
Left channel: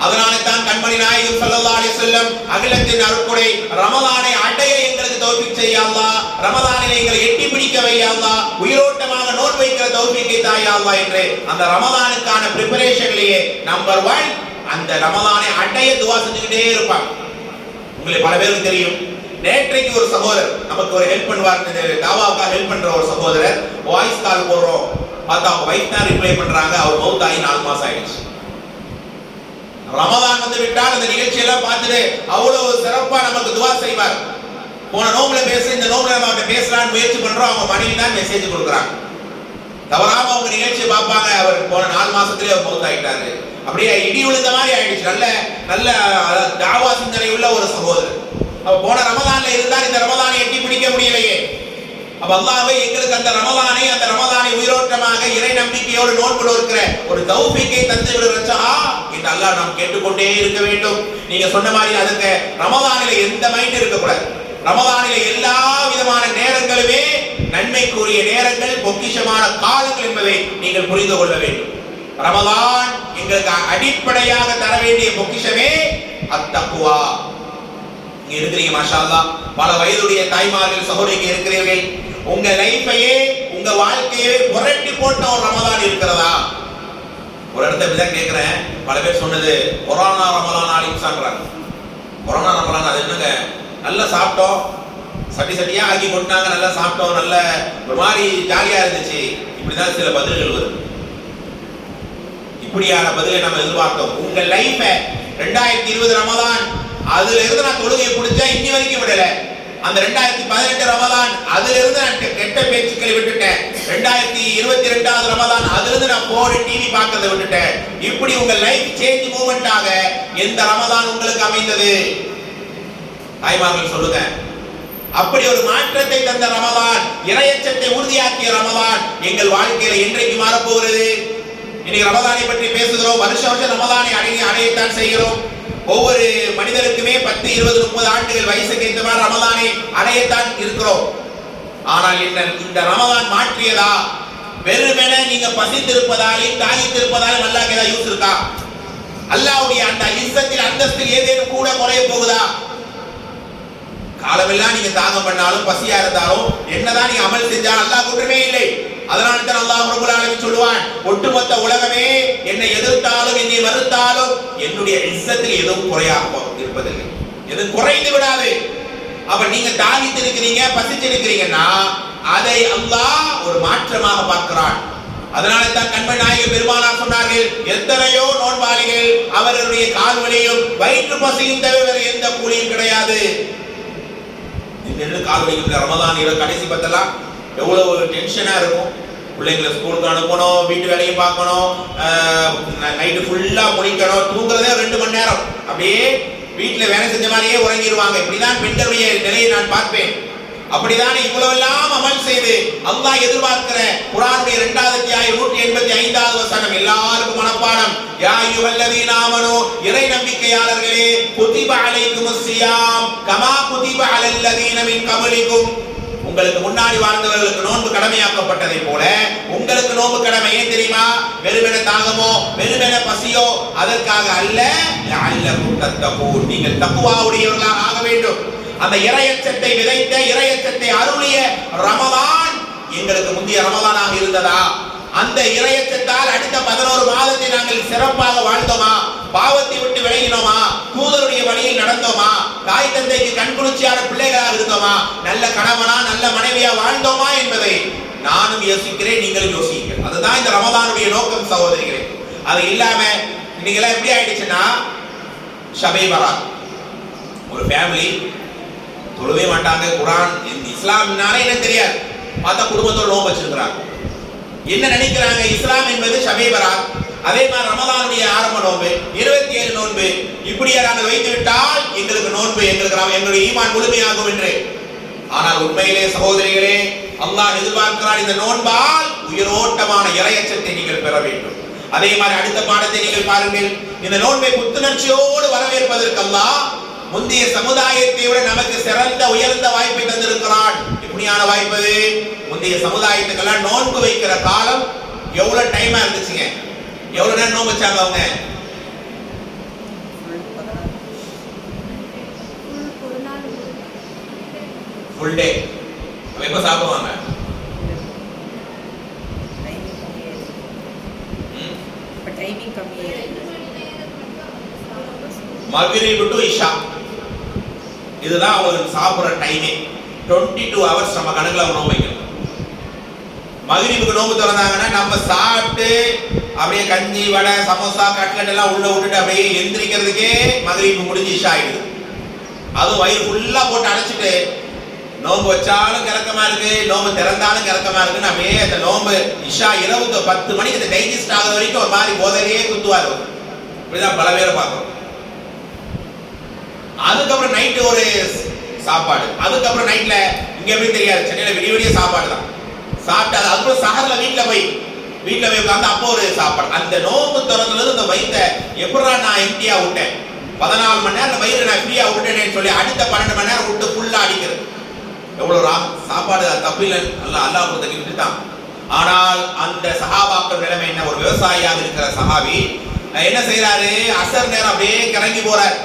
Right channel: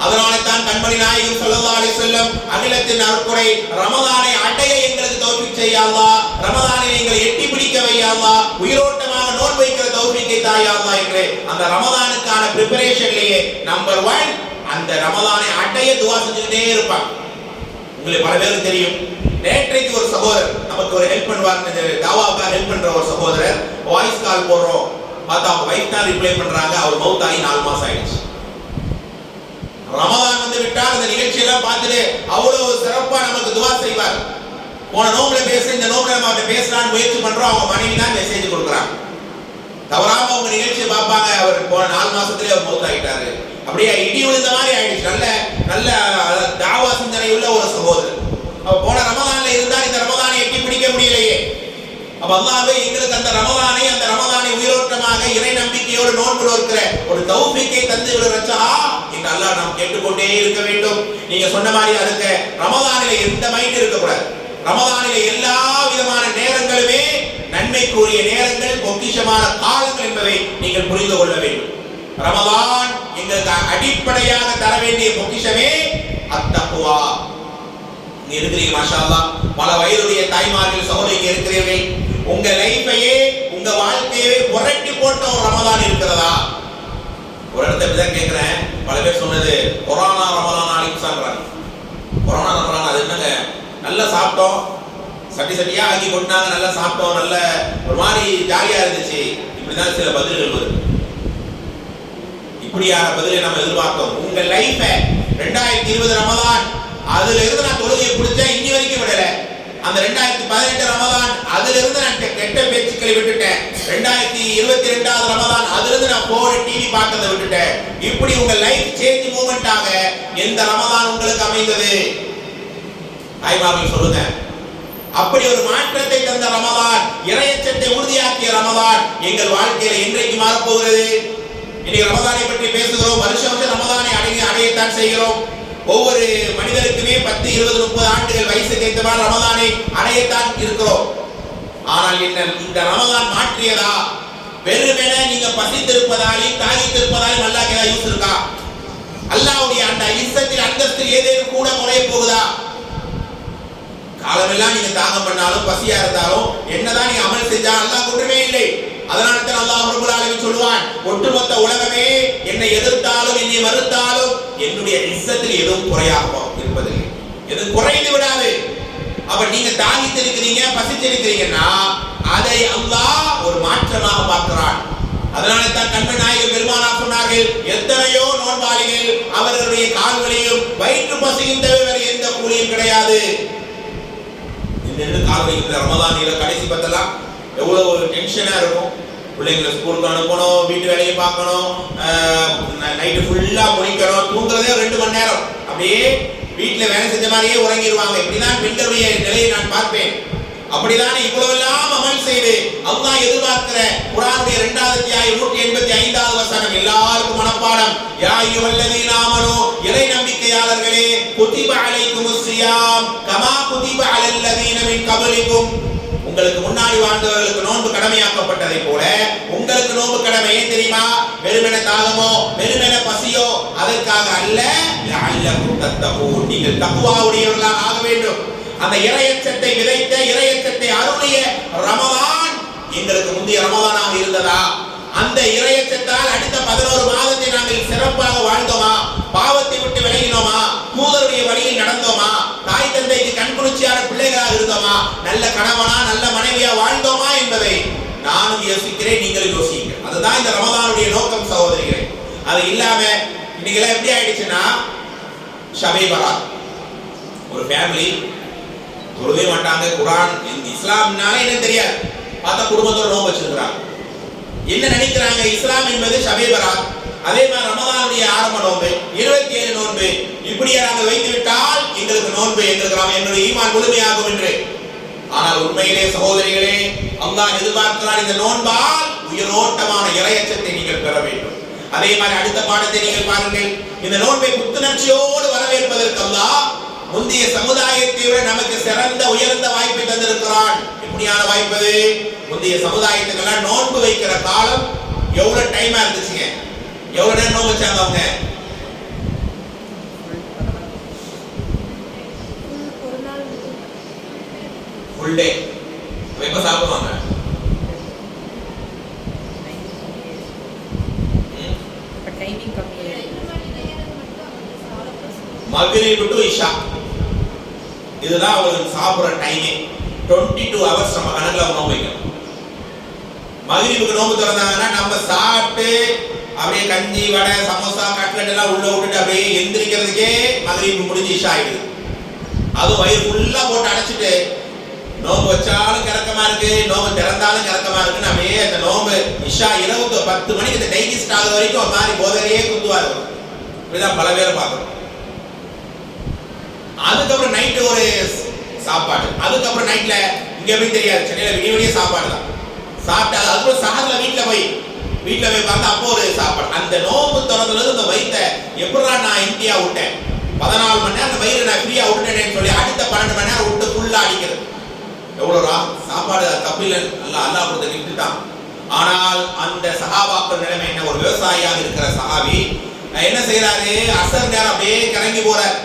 அதனால தான் கண்மணி நாயகம் ஸல்லல்லாஹு அலைஹி வஸல்லம் அகிலத்தின் அருட்கொடை ரமலானை அடைய எங்களுக்கு தௌஃபீக் செய்ய அல்லாஹ், ரமலானை எங்களை எட்டி பிடிக்க வைய அல்லாஹ், உயிரோட்டமாக நோன்பு வைக்கிற தௌஃபீக்கை தாய அல்லாஹ் என்று அந்த ரமலானுக்கான பிரிபரேஷன்லயே நம்பர் 1 அந்த ரமலானை அடைய துஆ செஞ்சுக்கிட்டே இருப்பாங்க. உங்களுக்கு பல பேருக்கு தெரியும், நேற்றைக்கு ஒரு சகோதரர் நமக்கு ஒரு ஹெல்ப் பண்ணுவார், தாவாவுக்காக ஹெல்ப் பண்ற ஒரு சகோதரர் வாய்ஸ் கால் போடுறோம், பார்த்தா அவங்க வைஃப் தான் ரிப்ளை பண்றாங்க, அவர் மௌத்தாகி 4 மாசம் ஆயிடுச்சு. ரமலான் வந்து விட்டால் அந்த நிகழ்ச்சியெல்லாம் பார்த்துட்டு அவ்வளவு சிறப்பா நமக்கு துவா செய்வார். போன நோம்புல பேச இந்த நோம்புல நம்ம அவர்கிட்ட பேசலாம்னு முயற்சி பண்றோம், அவங்க மனைவி தான் மெசேஜ் கொடுக்குறாங்க. தவறாம அவங்க நிகழ்ச்சியை பார்ப்பாங்க, அவர் போன 4 மாசத்துலயே அவர் மௌத்தாயிட்டாரு. அப்படியே இடி விழுந்த மாதிரி ஆயிடுச்சு. நல்ல நல்ல தாவா சிந்தனை உள்ள ஒரு சகோதரர். அவ போன ரமலான்ல இருந்தால் இந்த ரமலானை எட்டி பிடிக்க முடியலையே. அப்ப அல்லாஹ்வே எங்களுக்கு அந்த ரமலானை உயிரோட்டமாக இறை நம்பிக்கையோடு நோன்பு இருக்கிற ஒரு தௌஃபீக்கை தந்து விடுறச்சா இந்த அல்லாஹ் நாம் கேட்டுக்கொண்டே இருக்க வேண்டும். நீங்க சொன்ன மாதிரி அதுக்கு ரமலானில எந்த மைண்ட் இருக்கக்கூடாது. ரமலானில எல்லா விதமான நேரங்களுமே நன்மைக்குரிய நேரங்கள், பொக்கிஷமான காலங்கள் என்பதை நீங்கள் புரிந்து கொள்ள வேண்டும். ரமலான் எங்களுக்கு அடிப்படையாக தர வேண்டிய பொக்கிஷமே அத்தக்வா. இங்க இருக்கிறீங்க மாஷா அல்லாஹ், பல வயதுடைய தாய்மார்கள் சகோதரிகள் இருக்கிறீர்கள். உங்க லைஃபையே உங்க வாழ்க்கையை புரட்டி போட்ட ஒரு ரமலான் இருக்கிறதா? ஒரு இடத்துல இப்படிதான் கேட்கிறேன், பல பேர் சொன்னது கொரோனா ரமலான் ஆலிம்சான்றாங்க. கொரோனா ரமலான் அது என்னங்க, நல்லா சாப்பிட்டோம், சட்டி சட்டியா ஆக்கி கொண்டாங்க, நல்லா சாப்பிட்டோம், நல்ல ஒரு மாதிரி ஜாலியா இருந்துச்சு. இப்படிதான் சில பதில்கள் வருது. இப்படியான பதிலை நம்ம எதிர்பார்த்தோம். உங்க லைஃப 2020 ரமலான் அதுல இருந்து நான் தொழுகையை பிடிச்சேன், இன்னி வரைக்கும் விடல. அந்த 2018 ரமலான் அதுல இருந்து நான் கெட்ட பேச்சுக்களை விட்டுட்டேன். 2022 ரமலான் அதுல இருந்து நான் போன் டிவி பார்க்கறதை விட்டுட்டேன். இப்படி உங்க லைஃப் சேஞ்ச் மூமெண்டாக எந்த ரமலான் உங்களுக்கு அமைந்தது? தாய்மார்கள் சொல்லுங்க. அப்படி ஒரு மாற்றத்தை தந்த ரமலான், இறையச்சத்தை உறுதியாக்கிய ரமலான் எங்கள் வாழ்க்கையில என்றைக்கு மாறப்போகிறது? இன்னைக்கு ரமலானை பற்றி பேசுகிறோம், வருஷம் ரமலானை அடையத்தான் செய்கிறோம். ஒவ்வொரு மனிதனுக்குமே 10, 20, 30 ஆண்டுகள் வயசுக்கு ஏற்ற மாதிரி ரமலானை அடையத்தான் இருக்கிறோம். ஆனால் இந்த ரமலான் மாற்றியதா? வெறுமென நீங்க பசித்திருப்பதாலும் தாகித்திருப்பதாலும் அல்லாஹ்க்கு ஏதாவது யூஸ் இருக்கா? அல்லாஹ்வுடைய அந்த இஸ்ஸத்தில் அந்தஸ்தில் ஏதேனும் கூட குறைய போகுதா? காலமெல்லாம் நீங்க தாகம் பண்ணாலும் பசியா இருந்தாலும் என்னதான் நீங்க அமல் செஞ்சா அல்லாஹ் குற்றமே இல்லை. அதனால தான் அல்லாஹ் ரப்பல் ஆலமீன் சொல்வான், ஒட்டுமொத்த உலகமே என்னை எதிர்த்தாலும் என்னை மறுத்தாலும் என்னுடைய இஸ்ஸத்தில் எதுவும் குறையாக இருப்பதில்லை, எதுவும் குறைந்து விடாது. அப்ப நீங்க தாகித்து இருக்கிறீங்க, பசித்து இருக்கிறீங்கன்னா அதை அல்லாஹ் ஒரு மாற்றமாக பார்க்கிறான். அதனால தான் கண்மணி நாயகம் பெருமானார் சொன்னார்கள், எத்தனையோ நோன்பாளிகள் அவர்களுடைய கால்வலியும் வயிற்று பசியும் தவிர எந்த கூலியும் கிடையாது. கால்வலிக்கிற ரமலான் கடைசி பத்தெல்லாம் எவ்வளவு டென்ஷனா இருக்கும். பிள்ளைங்களை ஸ்கூலுக்கு அனுப்பணும், வீட்டு வேலையை பார்க்கணும், நைட்டு ஃபுல்லா முடிக்கணும், தூங்குறதே 2 மணி நேரம். அப்படியே வீட்டுல வேலை செஞ்ச மாதிரியே உறங்கிடுவாங்க. இப்படிதான் பெண்களுடைய நிலையை நான் பார்ப்பேன். அப்படிதான் இவ்வளவு எல்லாம் அமல் செய்து அல்லாஹ் எதிர்பார்க்கிற குர்ஆனுடைய 2வது அத்தியாயம் 185வது வசனம் எல்லாருக்கும் மனப்பாடம். யா அய்யுஹல்லதீன ஆமனூ, இறை நம்பிக்கையாளர்களே, குதிப அலைக்குமுஸ் ஸியாம் கமா குதிப அலல்லதீன மின் கப்லிக்கும், உங்களுக்கு முன்னாடி வாழ்ந்தவர்களுக்கு நோன்பு கடமையாக்கப்பட்டதை போல உங்களுக்கு நோன்பு கடமை. ஏன் தெரியுமா? வெறுமென தாகமோ வெறுமென பசியோ அதற்காக அல்ல, லஅல்லகும் தத்தகூன், நீங்கள் தக்வாவுடையவர்களாக ஆக வேண்டும். அந்த இறையச்சத்தை விதைத்த, இறையச்சத்தை அருளிய ரமலான் எங்களுக்கு முந்தைய ரமலானாக இருந்ததா? அந்த இறையச்சத்தால் அடுத்த 11 மாதத்தை நாங்கள் சிறப்பாக வாழ்ந்தோமா? பாவத்தை விட்டு விலகினோமா? தூதருடைய வழியில் நடந்தோமா? தாய் தந்தைக்கு கண்குளிர்ச்சியான பிள்ளைகளாக இருந்தோமா? நல்ல கணவனா நல்ல மனைவியா வாழ்ந்தோமா என்பதை நானும் யோசிக்கிறேன், நீங்களும் யோசிக்கிறேன். அதுதான் இந்த ரமலானுடைய நோக்கம் சகோதரிகளே. அது இல்லாம இன்னைக்கு எப்படி ஆயிடுச்சுன்னா, ஷபே பராத் ஒரு ஃபேமிலி தொழுவே மாட்டாங்க. குர்ஆன் இஸ்லாம்னாலே என்ன தெரியாது. பார்த்தா குடும்பத்தோட நோன்பு வச்சிருக்கிறாங்க. என்ன நினைக்கிறாங்க? இஸ்லாம் என்பது ஷபே பராத், அதே மாதிரி ரமதானுடைய ஆரம்ப நோன்பு 27 நோன்பு இப்படியே நாங்கள் வைத்து விட்டால் எங்களுக்கு நோன்பு எங்களுடைய ஈமான் முழுமையாகும் என்று. ஆனால் உண்மையிலே சகோதரிகளே, அல்லாஹ் எதிர்பார்க்கிறார் இந்த நோன்பால் உயிரோட்டமான இறையச்சத்தை நீங்கள் பெற வேண்டும். அதே மாதிரி அடுத்த பாடத்தை நீங்கள் பாருங்கள். இந்த நோன்பை புத்துணர்ச்சியோடு வரவேற்பதற்கு அல்லாஹ் முந்தைய சமுதாயத்தை விட நமக்கு சிறந்த உயர்ந்த வாய்ப்பை தந்திருக்கிறான். எப்படியான வாய்ப்பு? முந்தைய சமுதாயத்துக்கெல்லாம் நோன்பு வைக்கிற காலம் எவ்வளவு டைமா இருந்துச்சுங்க? எவ்வளவு நேரம் நோன்பு வச்சாங்க அவங்க? Full day. எப்ப சாப்பிடுவாங்க? டைமிங் கம்மியா மக்ரிப் டு இஷா, இதுதான் அவங்களுக்கு சாப்பிடுற டைமே. 22 ஹவர்ஸ் நம்ம கணக்குல நோன்பு வைக்கணும். மக்ரிபுக்கு நோன்பு திறந்தாங்கன்னா நம்ம சாப்பிட்டு அப்படியே கஞ்சி வடை சமோசா கட்லட் எல்லாம் உள்ள விட்டுட்டு அப்படியே எந்திரிக்கிறதுக்கே மக்ரிப் முடிஞ்சு இஷா ஆயிடுது. அதுவும் வயிறு ஃபுல்லா போட்டு அடைச்சிட்டு நோன்பு வச்சாலும் கிறக்கமா இருக்கு, நோன்பு திறந்தாலும் கிறக்கமா இருக்குன்னு அப்படியே அந்த நோன்பு இஷா இரவு 10 மணிக்கு இந்த டைஜஸ்ட் ஆகுற வரைக்கும் ஒரு மாதிரி போதையே குத்துவாரு. இப்படிதான் பல பேரை பார்க்கணும். அதுக்கப்புறம் நைட்டு ஒரு சாப்பாடு, அதுக்கப்புறம் நைட்ல இங்க எப்படி தெரியாது, சென்னையில விடிய விடிய சாப்பாடு தான் சாப்பிட்டாது. அதுக்கப்புறம் சஹர்ல வீட்டுல போய் உட்காந்து அப்போ ஒரு சாப்பாடு. அந்த நோன்பு திறந்தது அந்த வயிற்ற எப்படா நான் எம்டியா விட்டேன், 14 மணி நேரம் அந்த வயிறு நான் ஃப்ரீயா விட்டுட்டேன்னு சொல்லி அடுத்த 12 மணி நேரம் விட்டு ஃபுல்லா அடிக்கிறது. எவ்வளவு சாப்பாடு தப்பு இல்லை, அல்லாஹ் கொடுத்த கிஃப்ட் தான். ஆனால் அந்த சஹாபாக்கள் நிலைமை என்ன? ஒரு விவசாயியாக இருக்கிற சஹாபி என்ன செய்யறாரு? அசர் நேரம் அப்படியே கிறங்கி போறாரு.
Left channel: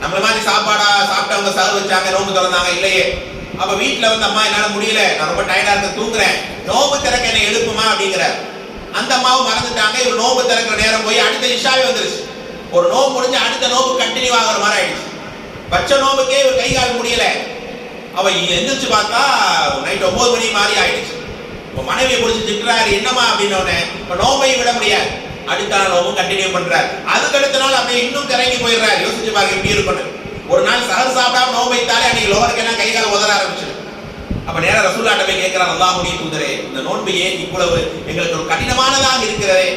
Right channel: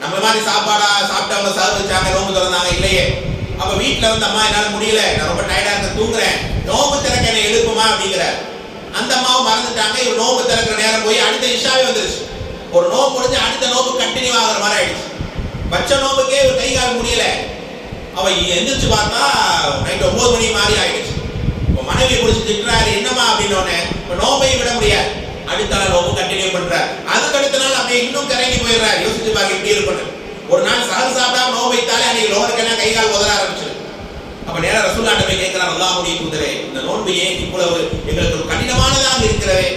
நம்மள மாதிரி சாப்பாடா சாப்பிட்டவங்க சர்வ் வச்சாங்க, நோம்பு திறந்தாங்க இல்லையே. அப்ப வீட்டுல வந்து அம்மா என்னால முடியல, நான் ரொம்ப டயர்டா இருக்க தூங்குறேன், நோம்பு திறக்க என்ன எழுப்புமா அப்படிங்கிறார். அந்த அம்மாவும் மறந்துட்டாங்க. இவர் நோம்பு திறக்கிற நேரம் போய் அடுத்த இஷாவே வந்துருச்சு. ஒரு நோம்பு முடிஞ்சு அடுத்த நோம்பு கண்டினியூ ஆகிற மாதிரி ஆயிடுச்சு. பச்ச நோம்புக்கே இவர் கை கால் முடியல. அவ எந்திரிச்சு பார்த்தா நைட் 9 மணி மாதிரி ஆயிடுச்சு. மனைவியை பிடிச்சி திட்டுறாரு, என்னமா அப்படின்னு. இப்ப நோம்பையும் விட முடியாது, அடுத்த நாள் நோம்பு கண்டினியூ பண்றாரு. அதுக்கு அடுத்த நாள் அப்படியே இன்னும் கிறங்கி போயிடுறாரு. யோசிச்சு பாருங்க எப்படி இருக்கணும். ஒரு நாள் சஹர் சாப்பிடாம நோம்பு வைத்தாலே அன்னைக்கு லோகருக்கெல்லாம் கை கால் உதற ஆரம்பிச்சு. அப்ப நேரா ரசூலுல்லாஹ் போய் கேட்கிறார், அல்லாஹ்வுடைய தூதரே, இந்த நோன்பு ஏன் இவ்வளவு எங்களுக்கு ஒரு கடினமானதாக இருக்கிறது?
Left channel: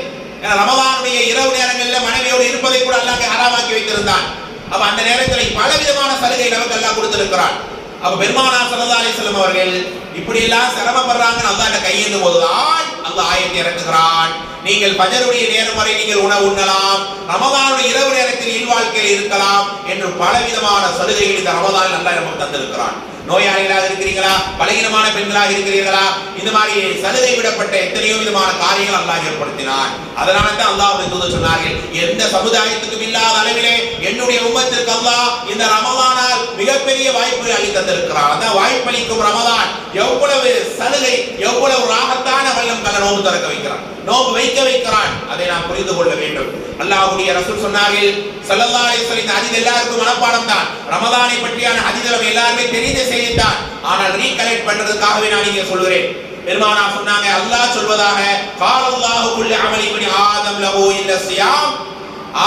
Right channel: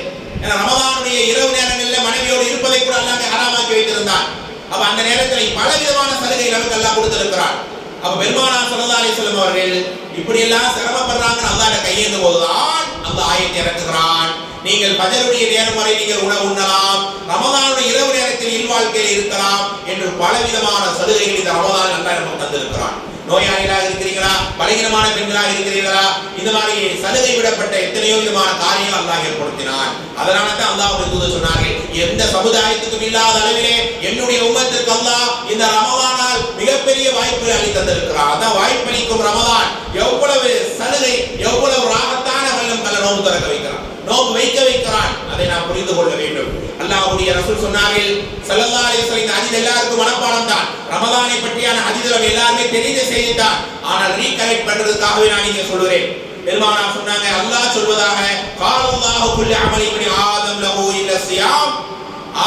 ஏன்னா ரமதானுடைய இரவு நேரங்களில் மனைவியோடு இருப்பதை கூட அல்லாஹ் ஹராமாக்கி வைத்திருந்தான். அப்ப அந்த நேரத்தில் பல விதமான சலுகை நமக்கு அல்லாஹ் கொடுத்திருக்கிறான். அப்ப பெருமானார் ஸல்லல்லாஹு அலைஹி வஸல்லம் அவர்கள் இப்படி எல்லாம் சிரமப்படுறாங்கன்னு அல்லாஹ்ட்ட கையேந்தும் போதுதான் அல்லாஹ் ஆயத்தை இறக்குகிறான். நீங்கள் ஃபஜருடைய நேரம் வரை நீங்கள் உணவு உண்ணலாம், ரமதானுடைய இரவு நேரத்தில் இல்வாழ்க்கையில் இருக்கலாம் என்று பலவிதமான சலுகைகள் இந்த ரமதானில் அல்லாஹ் நமக்கு தந்திருக்கிறான். நோயாளிகளாக இருக்கிறீர்களா, பலகீனமான பெண்களாக இருக்கிறீர்களா, இந்த மாதிரி சலுகை விடப்பட்ட எத்தனையோ விதமான காரியங்கள் அல்லாஹ் ஏற்படுத்தினான். அதனால தான் அல்லாஹ்வுடைய தூதர் சொன்னார்கள், எந்த சமுதாயத்துக்கும் இல்லாத அளவிலே என்னுடைய உம்மத்திற்கு அல்லாஹ் இந்த ரமதானால் மிகப்பெரிய வாய்ப்பை அள்ளி தந்திருக்கிறான். அந்த வாய்ப்பளிக்கும் ரமதான் எவ்வளவு சலுகை, எவ்வளவு ராகத்தான வெள்ளம் கல்ல நோன்பு திறக்க வைக்கிறான், நோன்பு வைக்க வைக்கிறான். அதை நாம் புரிந்து கொள்ள வேண்டும். அல்லாஹ்வுடைய ரசூல் சொன்னார்கள் ஸல்லல்லாஹு அலைஹி வஸல்லம், இந்த ஹதீஸ் எல்லாருக்கும் மனப்பாடம் தான். ரமதானை பற்றியான ஹதீஸ்கள் எல்லாருமே தெரிந்த செய்தி தான். ஆனால் ரீகலெக்ட் பண்றதுக்காகவே நான் இங்கே சொல்கிறேன். பெருமானார் சொன்னாங்க, அல்லாஹ் சொல்வதாக, காலல்லாஹு குல்லு அமலி இப்னி ஆதம் லஹு இல்ல ஸியாம்.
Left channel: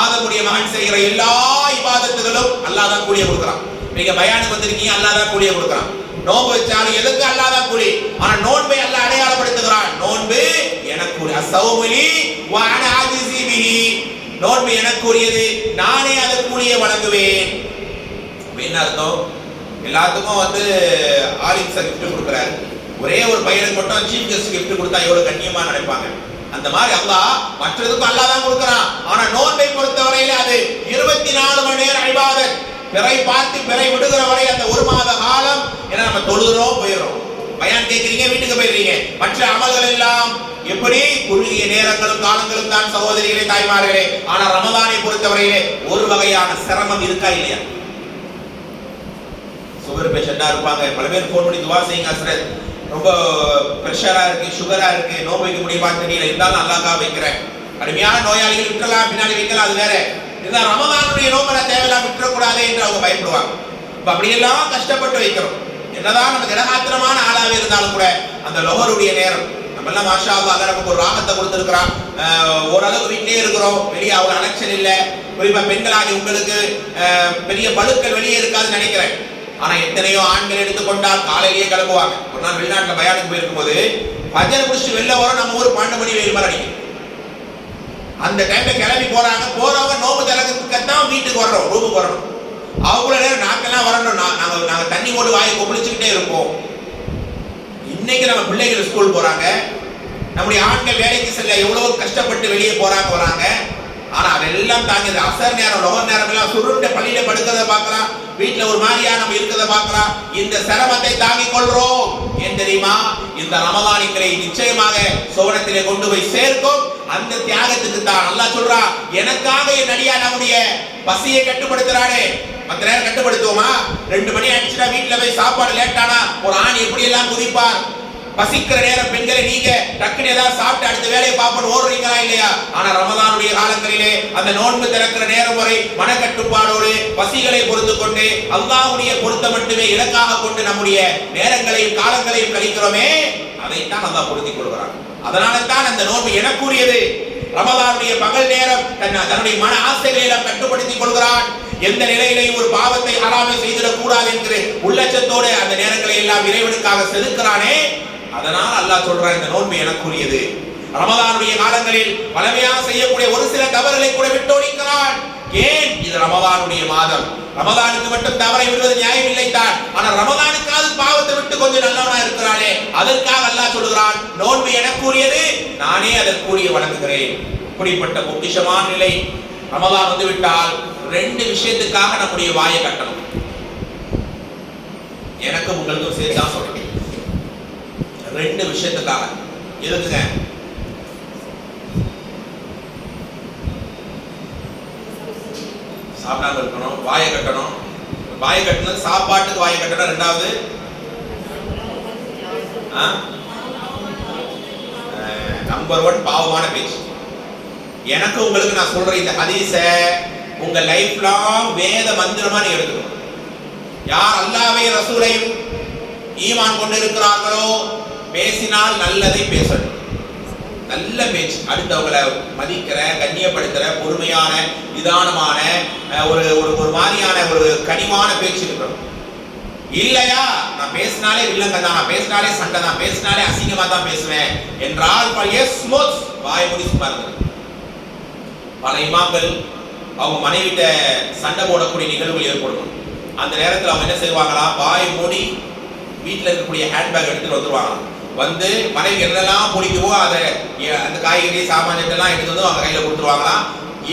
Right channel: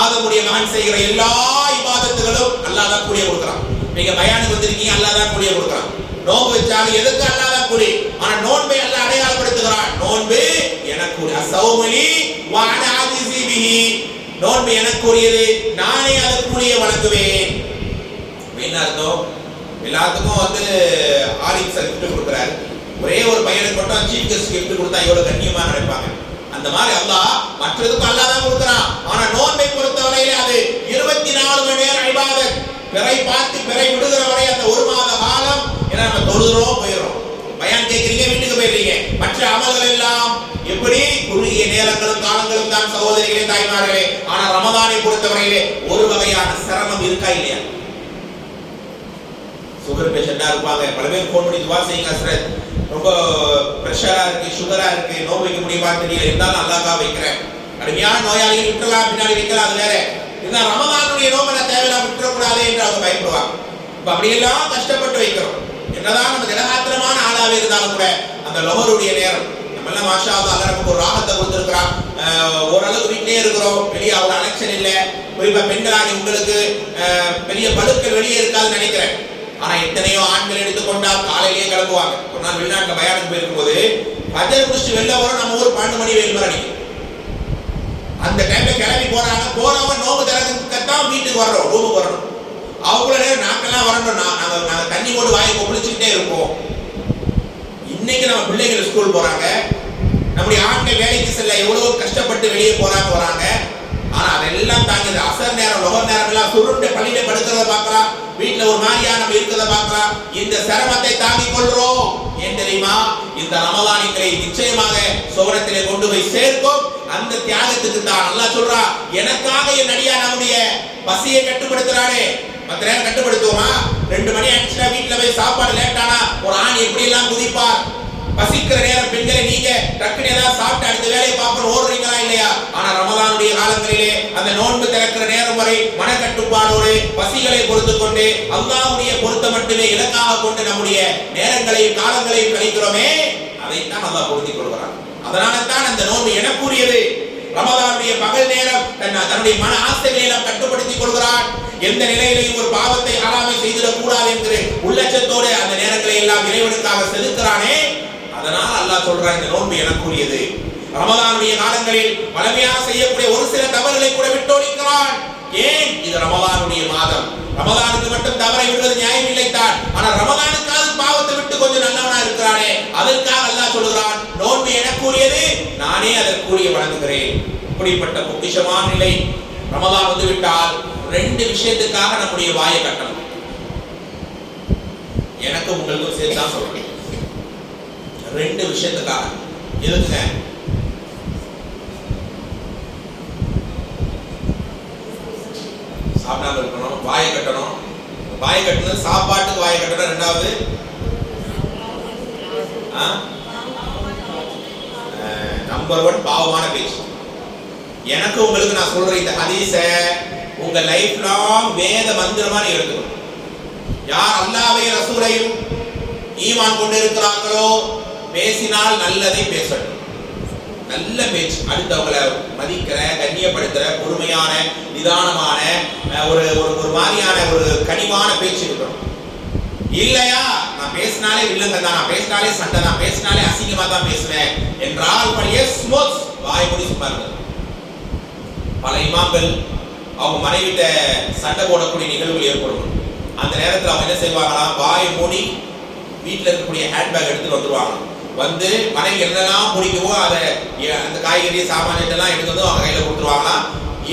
ஆதமுடைய மகன் செய்கிற எல்லா இபாதத்துகளும் அல்லாஹ் தான் கூலிய கொடுக்கிறான். நீங்க பயானுக்கு வந்திருக்கீங்க, அல்லாஹ் தான் கூலிய கொடுக்கிறான். நோன்பு வச்சாலும் எதுக்கு? அல்லாஹ் தான் கூலி. ஆனா நோன்பை அல்லாஹ் அடையாளப்படுத்துகிறான். நோன்பு எனக்கு அஸ்ஸௌமுலி வ அன ஆஜிஸி பிஹி. நோன்பு எனக்குரியது, நானே அது கூலியை வழங்குவேன். என்ன அர்த்தம்? எல்லாத்துக்கும் வந்து ஆலிம்ஸ் கிஃப்ட் கொடுக்குறாரு, ஒரே ஒரு பையனுக்கு மட்டும் சீஃப் கெஸ்ட் கிஃப்ட் கொடுத்தா எவ்வளவு கண்ணியமா நினைப்பாங்க. அந்த மாதிரி அல்லாஹ் மற்றதுக்கும் அல்லாஹ் தான் கொடுக்கிறான். ஆனா நோன்பை பொறுத்தவரையில அது 24 மணி நேரம் இபாதத். பிறை பார்த்து பிறை விடுகிற வரை அந்த ஒரு மாத காலம். ஏன்னா நம்ம தொழுகிறோம், போயிடுறோம், பயான் கேட்கிறீங்க, வீட்டுக்கு போயிடுறீங்க. மற்ற அமல்கள் எல்லாம் எப்படி? குறுகிய நேரங்களும் காலங்களும் தான் சகோதரிகளே, தாய்மார்களே. ஆனா ரமதானை பொறுத்தவரையிலே ஒரு வகையான சிரமம் இருக்கா இல்லையா? சுகர் பேஷண்டா இருப்பாங்க, பல பேர் போன் பண்ணி துவா செய்யுங்க ஹஸ்ரத், ரொம்ப பிரஷரா இருக்கு, சுகரா இருக்கு, நோய் வைக்க முடியுமா தெரியல, இருந்தாலும் அல்லாஹ்க்கா வைக்கிறேன். கடுமையான நோயாளிகள் விட்டுறலாம், பின்னாடி வைக்கலாம், அது வேற. இந்த ரமதானுடைய நோம்பை நான் தேவையில்லாம விட்டுறக்கூடாது என்று அவங்க பயப்படுவாங்க. இப்ப அப்படியெல்லாம் கஷ்டப்பட்டு வைக்கிறோம். என்னதான் நம்ம திடகாத்திரமான ஆளாவே இருந்தாலும் கூட அந்த லொஹருடைய நேரம் நம்ம எல்லாம் மாஷா அல்லாஹ் நமக்கு ஒரு ராகத்தை கொடுத்திருக்கிறான். ஓரளவுக்கு வீட்டிலே இருக்கிறோம், வெளியே அவ்வளவு அலெக்ஷன் இல்லை. குறிப்பா பெண்களாக உங்களுக்கு பெரிய பழுக்கள் வெளியே இருக்காதுன்னு நினைக்கிறேன். ஆனா எத்தனையோ ஆண்கள் எடுத்துக்கொண்டால் காலையிலேயே கிளம்புவாங்க. ஒரு நாள் வெளிநாட்டுல பயானுக்கு போயிருக்கும் போது பஜர் முடிச்சுட்டு வெளில வரும், நம்ம ஊர் 12 மணி வெயில் மாதிரி அடிக்கும். அந்த டைம்ல கிளம்பி போறாங்க, போறவங்க நோம்பு திறக்கிறதுக்கு வீட்டுக்கு வர்றோம், ரூமுக்கு வரணும். அவங்கள நேரம் நாக்கெல்லாம் வரணும், நாங்க தண்ணி போட்டு வாயை கொப்பளிச்சுக்கிட்டே இருப்போம். இன்னைக்கு நம்ம பிள்ளைகள் ஸ்கூல் போறாங்க, நம்முடைய ஆண்கள் வேலைக்கு செல்ல எவ்வளவு கஷ்டப்பட்டு வெளியே போறாங்க வராங்க. ஆனா அதெல்லாம் தாங்கி அசர் நேரம் லொகர் நேரம் எல்லாம் சுருண்ட பள்ளியில படுக்கிறத பார்க்கலாம், வீட்டுல ஒரு மாதிரியா நம்ம இருக்கிறத பார்க்கலாம். இந்த சிரமத்தை தாங்கிக் கொள்றோம். ஏன் தெரியுமா? இந்த ரமலான் எங்களை நிச்சயமாக சுவனத்திலே கொண்டு போய் சேர்க்கும். அந்த தியாகத்துக்கு தான் அல்லாஹ் சொல்றா, எனக்காக என் அடியான் நம்முடைய பசியை கட்டுப்படுத்துறானே. மற்ற நேரம் கட்டுப்படுத்துவோமா? 2 மணி ஆயிடுச்சுன்னா வீட்டுல போய் சாப்பாடு லேட்டானா ஒரு ஆண் எப்படி எல்லாம் குதிப்பார். பசிக்கிற நேரம் பெண்களை நீங்க டக்குனு ஏதாவது சாப்பிட்டு அடுத்த வேலையை பார்ப்போம் ஓடுறீங்களா இல்லையா? ஆனா ரமலானுடைய காலங்களிலே அந்த நோன்பு திறக்கிற நேரம் வரை மனக்கட்டுப்பாடோடு பசிகளை பொறுத்து கொண்டு அல்லாஹ்வுடைய பொருத்தம் மட்டுமே இலக்காக கொண்டு நம்முடைய நேரங்களையும் காலங்களையும் கழிக்கிறோமே, அதைத்தான் அல்லாஹ் பொருத்திக் கொள்கிறான். அதனால தான் அந்த நோன்பு எனக்குரியது. ரமலானுடைய பகல் நேரம் தன்னுடைய மன ஆசைகளை எல்லாம் கட்டுப்படுத்திக் கொள்கிறான். எந்த நிலையிலையும் ஒரு பாவத்தை ஹராமை செய்திடக் கூடாது என்கிற உள்ளச்சத்தோடு அந்த நேரங்களை எல்லாம் இறைவனுக்காக செலுத்துகிறானே. அதனால் அல்லாஹ் சொல்றான், இந்த நோன்பு எனக்குரியது. ரமலானுடைய காலங்களில் பலமையாக செய்யக்கூடிய ஒரு சில தவறுகளை கூட விட்டோடிக்கிறான். ஏன்? இது ரமலானுடைய மாதம். ரமலானுக்கு மட்டும் தவறை விடுவது நியாயம் இல்லை தான். ஆனா ரமலானுக்காவது பாவத்தை விட்டு கொஞ்சம் நல்லவனா இருக்கிறானே, அதற்காக அல்லாஹ் சொல்கிறான், நோன்பு எனக்குரியது, நானே அதற்குரிய வணங்குகிறேன். இப்படிப்பட்ட பொக்கிஷமான நிலை. ரமலான் வந்து விட்டால் 2 விஷயத்துக்காக நம்முடைய வாயை கட்டணும். எனக்கு உங்களுக்கும் சேர்த்து தான் சொல்றேன். 2 விஷயத்துக்காக. எதுக்குங்க? சாப்பிடாம இருக்கணும், வாயை கட்டணும். வாயை கட்டணும், சாப்பாட்டுக்கு வாயை கட்டணும். 2வது நம்பர் 1 பாவமான பேச்சு. எனக்கு உங்களுக்கு நான் சொல்ற இந்த ஹதீஸை உங்க லைஃப் லாங் வேத மந்திரமா நீங்க எடுக்கணும். யார் அல்லாஹ்வையும் ரசூலையும் ஈமான் கொண்டு இருக்கிறார்களோ பேசினால் நல்லதை பேசணும். நல்ல பேச்சு, அடுத்தவங்களை மதிக்கிற, கண்ணியப்படுத்துற, பொறுமையான, நிதானமான ஒரு மாதிரியான ஒரு கனிவான பேச்சு இருக்கணும். இல்லையா நான் பேசினாலே வில்லங்க தான், நான் பேசினாலே சண்டை தான், பேசினாலே அசிங்கமா தான் பேசுவேன் என்றால் வாய் மூடி சும்மா இருக்கு. பல இமாம்கள் அவங்க மனைவிட்ட சண்டை போடக்கூடிய நிகழ்வு ஏற்படும். அந்த நேரத்தில் அவங்க என்ன செய்வாங்களா, வாய் மூடி வீட்டில் இருக்கக்கூடிய ஹேண்ட்பேக் எடுத்துட்டு வந்துருவாங்க. வந்து மனைவி என்னெல்லாம் பிடிக்குமோ அதை அந்த காய்கறி சாமான் எல்லாம் எடுத்து வந்து அவங்க கையில் கொடுத்துருவாங்களாம்.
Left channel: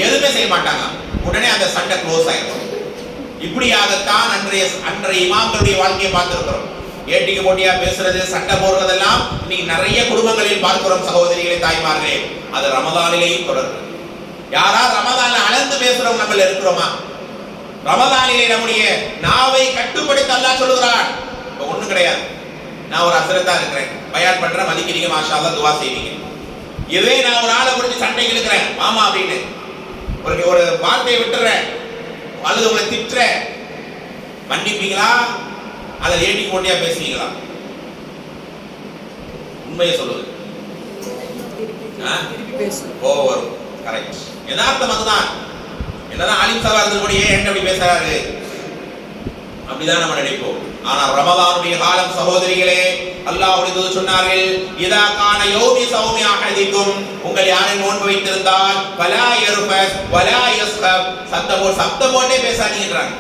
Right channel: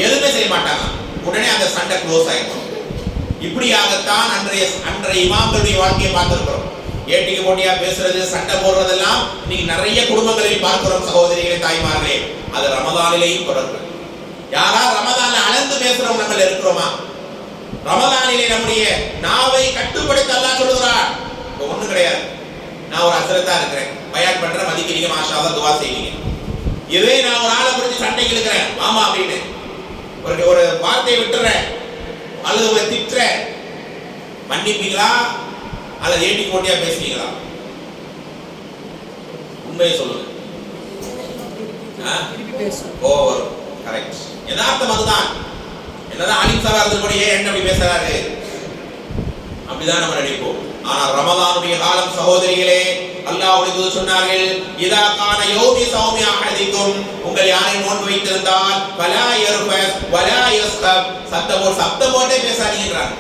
எதுவுமே செய்ய மாட்டாங்க. உடனே அந்த சண்டை க்ளோஸ் ஆயிடும். இப்படியாகத்தான் அன்றைய இமாம்களுடைய வாழ்க்கையை பார்த்திருக்கிறோம். ஏட்டிக்கு போட்டியா பேசுறது, சண்டை போடுறதெல்லாம் இன்னைக்கு நிறைய குடும்பங்களில் பார்க்கிறோம். சகோதரிகளே, தாய்மார்களே, அது ரமலானிலேயும் தொடர்ந்து. யாரா ரமலான்ல அளந்து பேசுறவங்க நம்ம இருக்கிறோமா? ரமலானிலே நம்முடைய நாவை கட்டுப்படுத்த அல்லாஹ் சொல்லுகிறான். இப்ப ஒண்ணும் கிடையாது, நான் ஒரு ஹஸ்ரத்தா இருக்கிறேன், பயான் பண்றேன், மதிக்கிறீங்க, மாஷா அல்லாஹ், துவா செய்வீங்க. இதே நான் ஒரு ஆளை பிடிச்சி சண்டைக்கு இருக்கிறேன், மாமா அப்படின்னு ஒரு வார்த்தையை விட்டுறேன், அல்லது உங்களை திட்டுறேன், மன்னிப்பீங்களா அல்லது ஏட்டி போட்டியா பேசுவீங்களா? உண்மையை சொல்லுங்க. வரும். கரெக்ட். யதார்த்தம் அதுதான். என்னதான் ஆலிம் சபா இருந்தபடியே என்ன அப்படி பேசுறாரு அப்படிதான் நம்ம நினைப்போம். ஆனா ரமலானுடைய காலம் சகோதரிகளே, அல்லாஹ்வுடைய தூதர் சொன்னார்கள், இதா கான யௌமி ஸௌமி அஹதிக்கும், உங்கள் யாரும் நோன்பு வைத்திருந்தால் வலா யர்ஃபஸ் வலா யஸ்கப், சத்தம் போட்டே பேசாதீங்கன்றாங்க.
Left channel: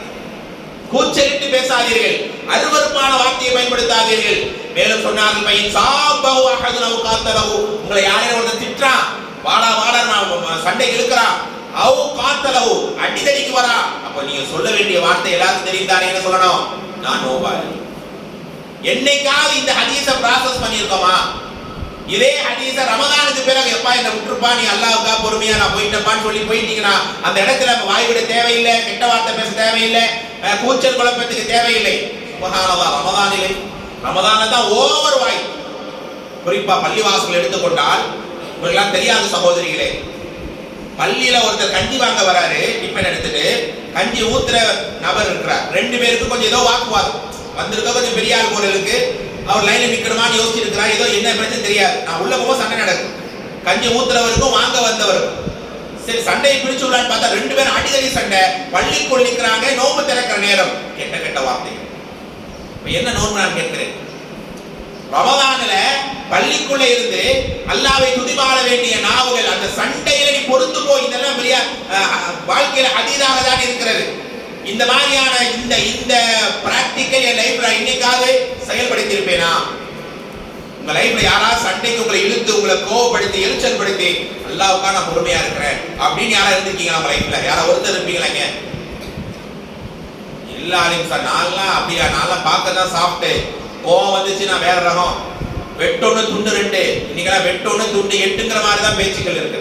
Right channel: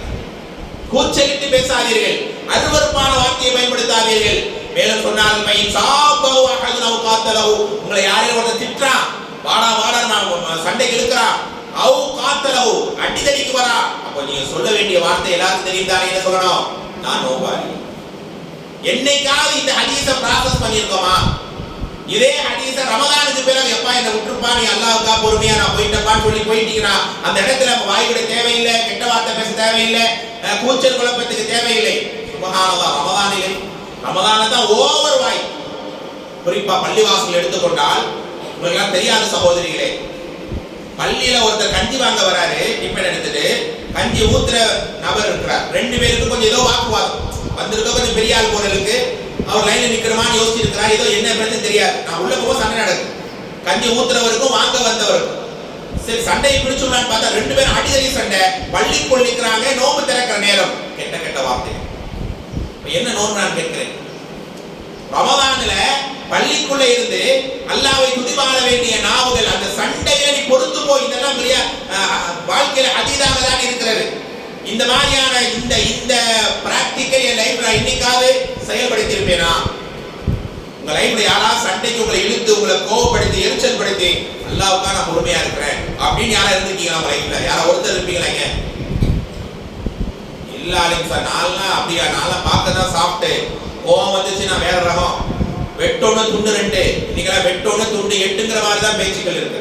கூச்சலிட்டு பேசாதீர்கள், அருவருப்பான வார்த்தையை பயன்படுத்தாதீர்கள். மேலும் சொன்னார்கள், பையன் சாபஹு அஹதுன் அவ் காத்தலஹு, உங்களை யாரையும் ஒருத்தன் திட்டுறான், வாடா வாடா நான் சண்டைக்கு இழுக்கிறான், அவ் காத்தலஹு அடிதடிக்கு வரா, அப்ப நீங்க சொல்ல வேண்டிய வார்த்தை எல்லாருக்கும் தெரியுதானே? என்ன சொல்லணும்? நான் நோபாளி. என்னைக்காவது இந்த ஹதீஸை ப்ராசஸ் பண்ணியிருக்கோமா? இதே ஹதீஸை ரமதானுக்கு பிறகு எப்பா என்ன விட்டுருப்பா, நீ அல்லாஹ்வுக்கா பொறுமையா நான் போயிட்டப்பான்னு சொல்லி போயிட்டீங்கன்னா அந்த இடத்துல வாய் விட தேவையில்லை, கெட்ட வார்த்தை பேச தேவையில்லை, கூச்சல் குழப்பத்துக்கு தேவையில்லை. சுப்ஹானல்லாஹ். ரமதான்ல தான் ஓவர் வாய். குறிப்பா பள்ளிவாசல் எடுத்துக்கொண்டால் உங்களுக்கு தெரியாத சகோதரிகளே, பள்ளியில ஒருத்தர் கஞ்சி வாங்க வராரு, டிஃபன் எடுத்துட்டு கஞ்சி ஊத்துற நபர் இருக்கிறார். 2 பேருக்கு கொஞ்சம் ஏதோ வாக்குவாதம் வந்திருக்க, கொஞ்சம் பெரிய ஆள் போறதுக்கு அவர் லைன்ல நிக்கணுமான்னு யோசிச்சு இருக்கிறார். ஏதோ என்ன பிரச்சனை தெரியாது. நான் உள்ள போக சண்டை நடக்கும், கஞ்சி ஊத்துறவருக்கும் வாங்க வந்தவருக்கும். சரி, சண்டையை பிடிச்சுள்ளான்னு பார்த்தா 2 பேரும் அடிதடி சண்டை. பள்ளிக்குள் நிற்கிறாங்க, நோம்பு திறக்கிற நேரம். கெட்ட வார்த்தை. என்ன நோன்பு நான் கேட்கிறேன்? ரமதான்ல பள்ளிக்குள்ள இருந்து அல்லாஹ்வை துதிபாட வேண்டிய நாவுகள், அந்த சண்டையில நீ பொறுத்து போய் இதெல்லாம் பெரிய வாழ்க்கையில அதீதாக தான் இருக்கிறது. இந்த மாதிரியான இந்த பிராக்டிக்கல் என் லைஃப்ல இன்னைக்காவது செயல்படுத்தியிருப்பேனா? உங்க லைஃப்ல யாராவது சண்டைக்கு உங்களை இழுத்து உங்களை கோவப்படுத்தி எரிச்சல் படுத்தி அல்லாஹ்வுக்காக நான் பொறுமையா இருக்கிறேன் அப்படின்னு யாரா இருந்திருக்கீங்களா? நம்ம லைஃப்ல யாரா ஒருத்தர் இருப்பீங்களாங்க? எல்லாரையும் சார் நான்லாம் அப்படியா, நான்லாம் பார்க்க தான் சாப்பிட்டு கோவம் வந்துச்சு நான் வேற ரகம், வெட்டொன்னு துண்டு 2, இன்னைக்கெல்லாம் வெட்டொன்னு துண்டு 8ங்கிற மாதிரி தான் பேச்சுக்கள் இருக்கு.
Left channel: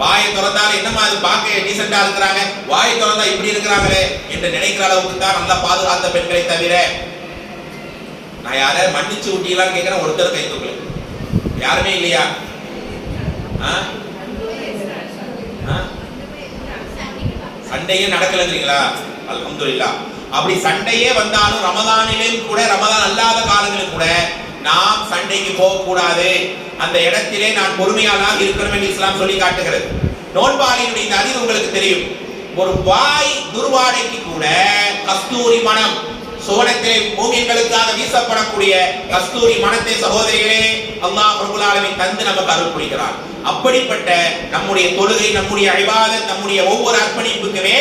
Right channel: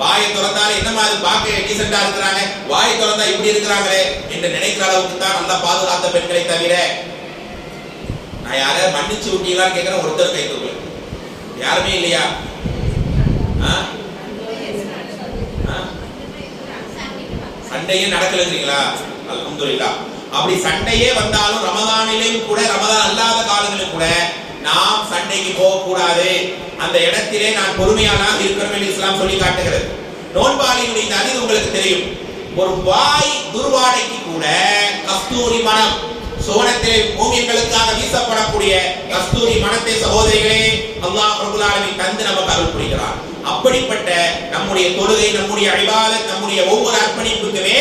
வாயை திறந்தாலும் என்னமா அது பார்க்க டீசெண்டா இருக்கிறாங்க, வாயை திறந்தா இப்படி இருக்கிறாங்களே என்று நினைக்கிற அளவுக்கு தான் நல்லா பாதுகாத்த பெண்களை தவிர நான் யாரையாவது மன்னிச்சு விட்டீங்களான்னு கேட்கிறேன். ஒருத்தர் கை தூக்கல, யாருமே இல்லையா? சண்டையே நடக்கலங்கிறீங்களா? அல்ஹம்துலில்லாஹ். அப்படி சண்டையே வந்தாலும் ரமதானிலும் கூட, ரமதான் அல்லாத காலங்களிலும் கூட நாம் சண்டைக்கு போக கூடாது. அந்த இடத்திலே நான் பொறுமையாளாக இருக்கணும் என்று இஸ்லாம் சொல்லி காட்டுகிறது. நோன்பாளியினுடைய இந்த அறிவு உங்களுக்கு தெரியும். ஒரு வாய் துர்வாடைக்கு கூட கஸ்தூரி மனம், சுவனத்திலே மூமின்களுக்காக வீசப்படக்கூடிய கஸ்தூரி மனத்தை சகோதரிகளே அல்லாஹ் ரப்பல் ஆலமீன் தந்து நமக்கு அருள் புரிகிறார். அப்படிப்பட்ட நம்முடைய தொழுகை, நம்முடைய இபாதத், நம்முடைய ஒவ்வொரு அர்ப்பணிப்புக்குமே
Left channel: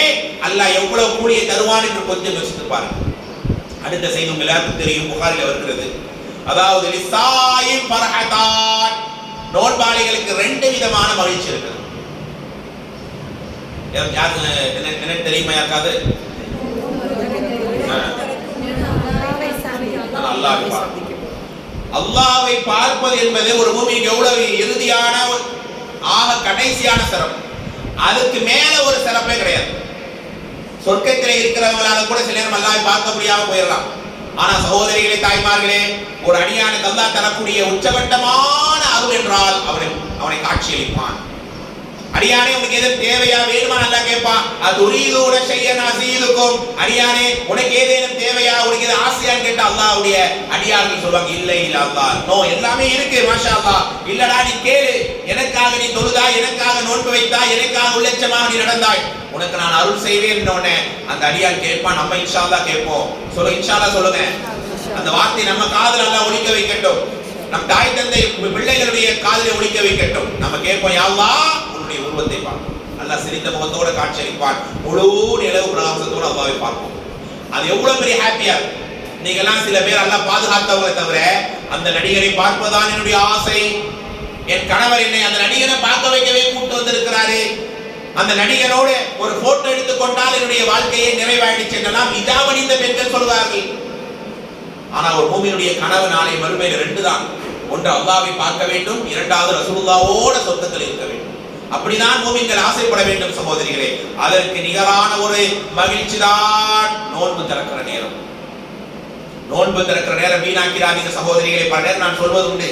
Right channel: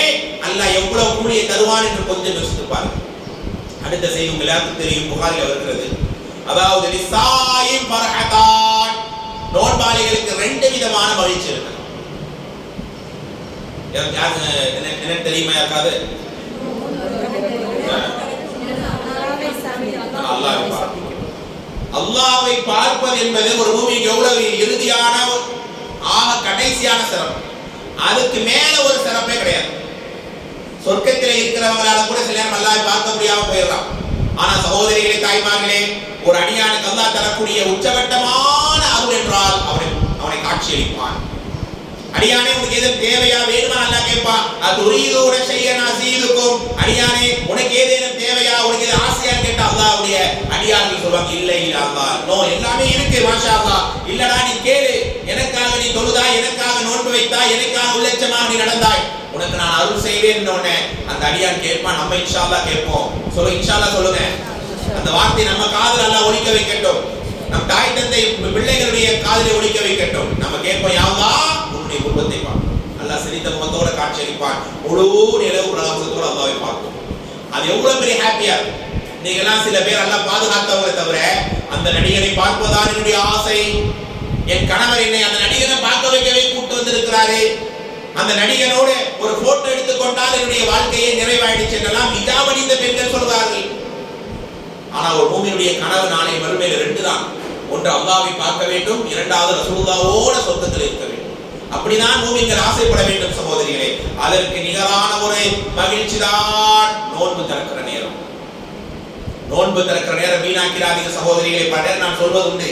அல்லாஹ் எவ்வளவு கூலியை தருவான் என்று கொஞ்சம் யோசித்து பாருங்கள். அடுத்த செய்தி உங்களுக்கு எல்லாருக்கும் தெரியும், புகாரில் வருகிறது. அதாவது லிசாயிம் ஃபர்ஹதான், நோன்பாளிகளுக்கு 2 விதமான மகிழ்ச்சி இருக்கு. என்ன தெரியுமா யாருக்காவது? அல்லாஹ்வை பார்ப்பது என்பது ஒரு மூமிக்கு எவ்வளவு இறுதியான ஆக கடைசியான சிறப்பு. அதுக்கு மேல ஒரு சிறப்பே கிடையாது. சொர்க்கத்திலே இருக்கிறவங்களால கூட சில நேரம் அல்லாஹ்வை பார்க்க முடியாம போயிடலாம். ஆனா சகோதரிகளே, தாய்மார்களே, ஒரு அடியானுக்கு அல்லாஹ் தரக்கூடிய உச்சகட்டமான அருள் என்றால் அவனை காட்சியளிப்பான். அடியானே, உனக்கு எது தேவையா வேணுமா அல்லாஹ் கேட்பான். அதுரீதுன ஷையன் அஸீதுக்கும், அடியானே உனக்கு ஏதேனும் தேவையா, உனக்கு எது ஆசையான்னு கேட்டா அல்லாஹ்வுடைய அடியார்கள் சொல்வாங்க, இல்லை இல்ல அல்லாஹ், நோ, எல்லாமே இருக்கு மாஷா அல்லாஹ். இல்லடா நீ கேளு, எனக்காக நீ தொழுதாய், எனக்காக நோன்பு வைத்தாய், எனக்காக உள்ளட்சமாக நீ நடந்தாய், உனக்கு நான் அருள் செய்வேன் என்றோனே அந்த அடியான் கேட்பான். நம்ம இன்ஷா அல்லாஹ் கேட்போம். சொல்லுங்க இன்ஷா அல்லாஹ் சொல்லுங்க. அந்த வார்த்தை நம்ம காதுல அல்லாஹ் ஒலிக்க வைக்கட்டும். நம் தாய் தந்தை பிள்ளைகளுடைய காதிலே ஒலிக்க வைக்கட்டும். நம்ம கேட்போம், யா அல்லாஹ் உன்னுடைய உருவத்தை பார்ப்போம். அல்லாஹ் சிரித்த முகத்தோட காட்சியளிப்பான். முழு நிலவு பிரகாசத்தோட அல்லாஹ்வை பார்ப்போம். அது எவ்வளவு பெரிய ஹாப்பியா இருக்கும். நீங்கெல்லாம் சில பேர் அல்லாஹ் பாதுகாத்தவங்களை தவிர அந்த நடிகரை பார்ப்பதுதான் என்னுடைய ஆசை, என் கணவர் என்னை அந்த நடிகரை பார்க்க வைக்கவே கூட்டு வந்திருக்கிறாரு, அந்த நடிகனோடு ஒரு போட்டோ எடுத்துக்கொண்டால் என்னுடைய வாழ்க்கையை நிறைவாயிடுச்சு என்றெல்லாம் இதாவணிந்த பெண்கள் சொல்வார்கள். ஆனா ஒரு மூமினுடைய கனவு நாளை மறுமையில் 2 தான். ஒன்று அல்லாஹ்வை பார்க்க வேண்டும், இரண்டாவது ரசூலுல்லாஹ்வோட சொர்க்கத்தில் இருக்க வேண்டும். அப்படிதான் மூமின்கள் ஆசைப்பட வேண்டும் சகோதரிகளே. அதற்கு நிகரான ஒரு மகிழ்ச்சி தான் நோன்பு திறக்கிற நேரம். நோன்பு திறக்கிற நேரம் வீணாக்கிறாதீங்க சகோதரிகளே. பல நேரம் நான் சொல்வது உண்டு,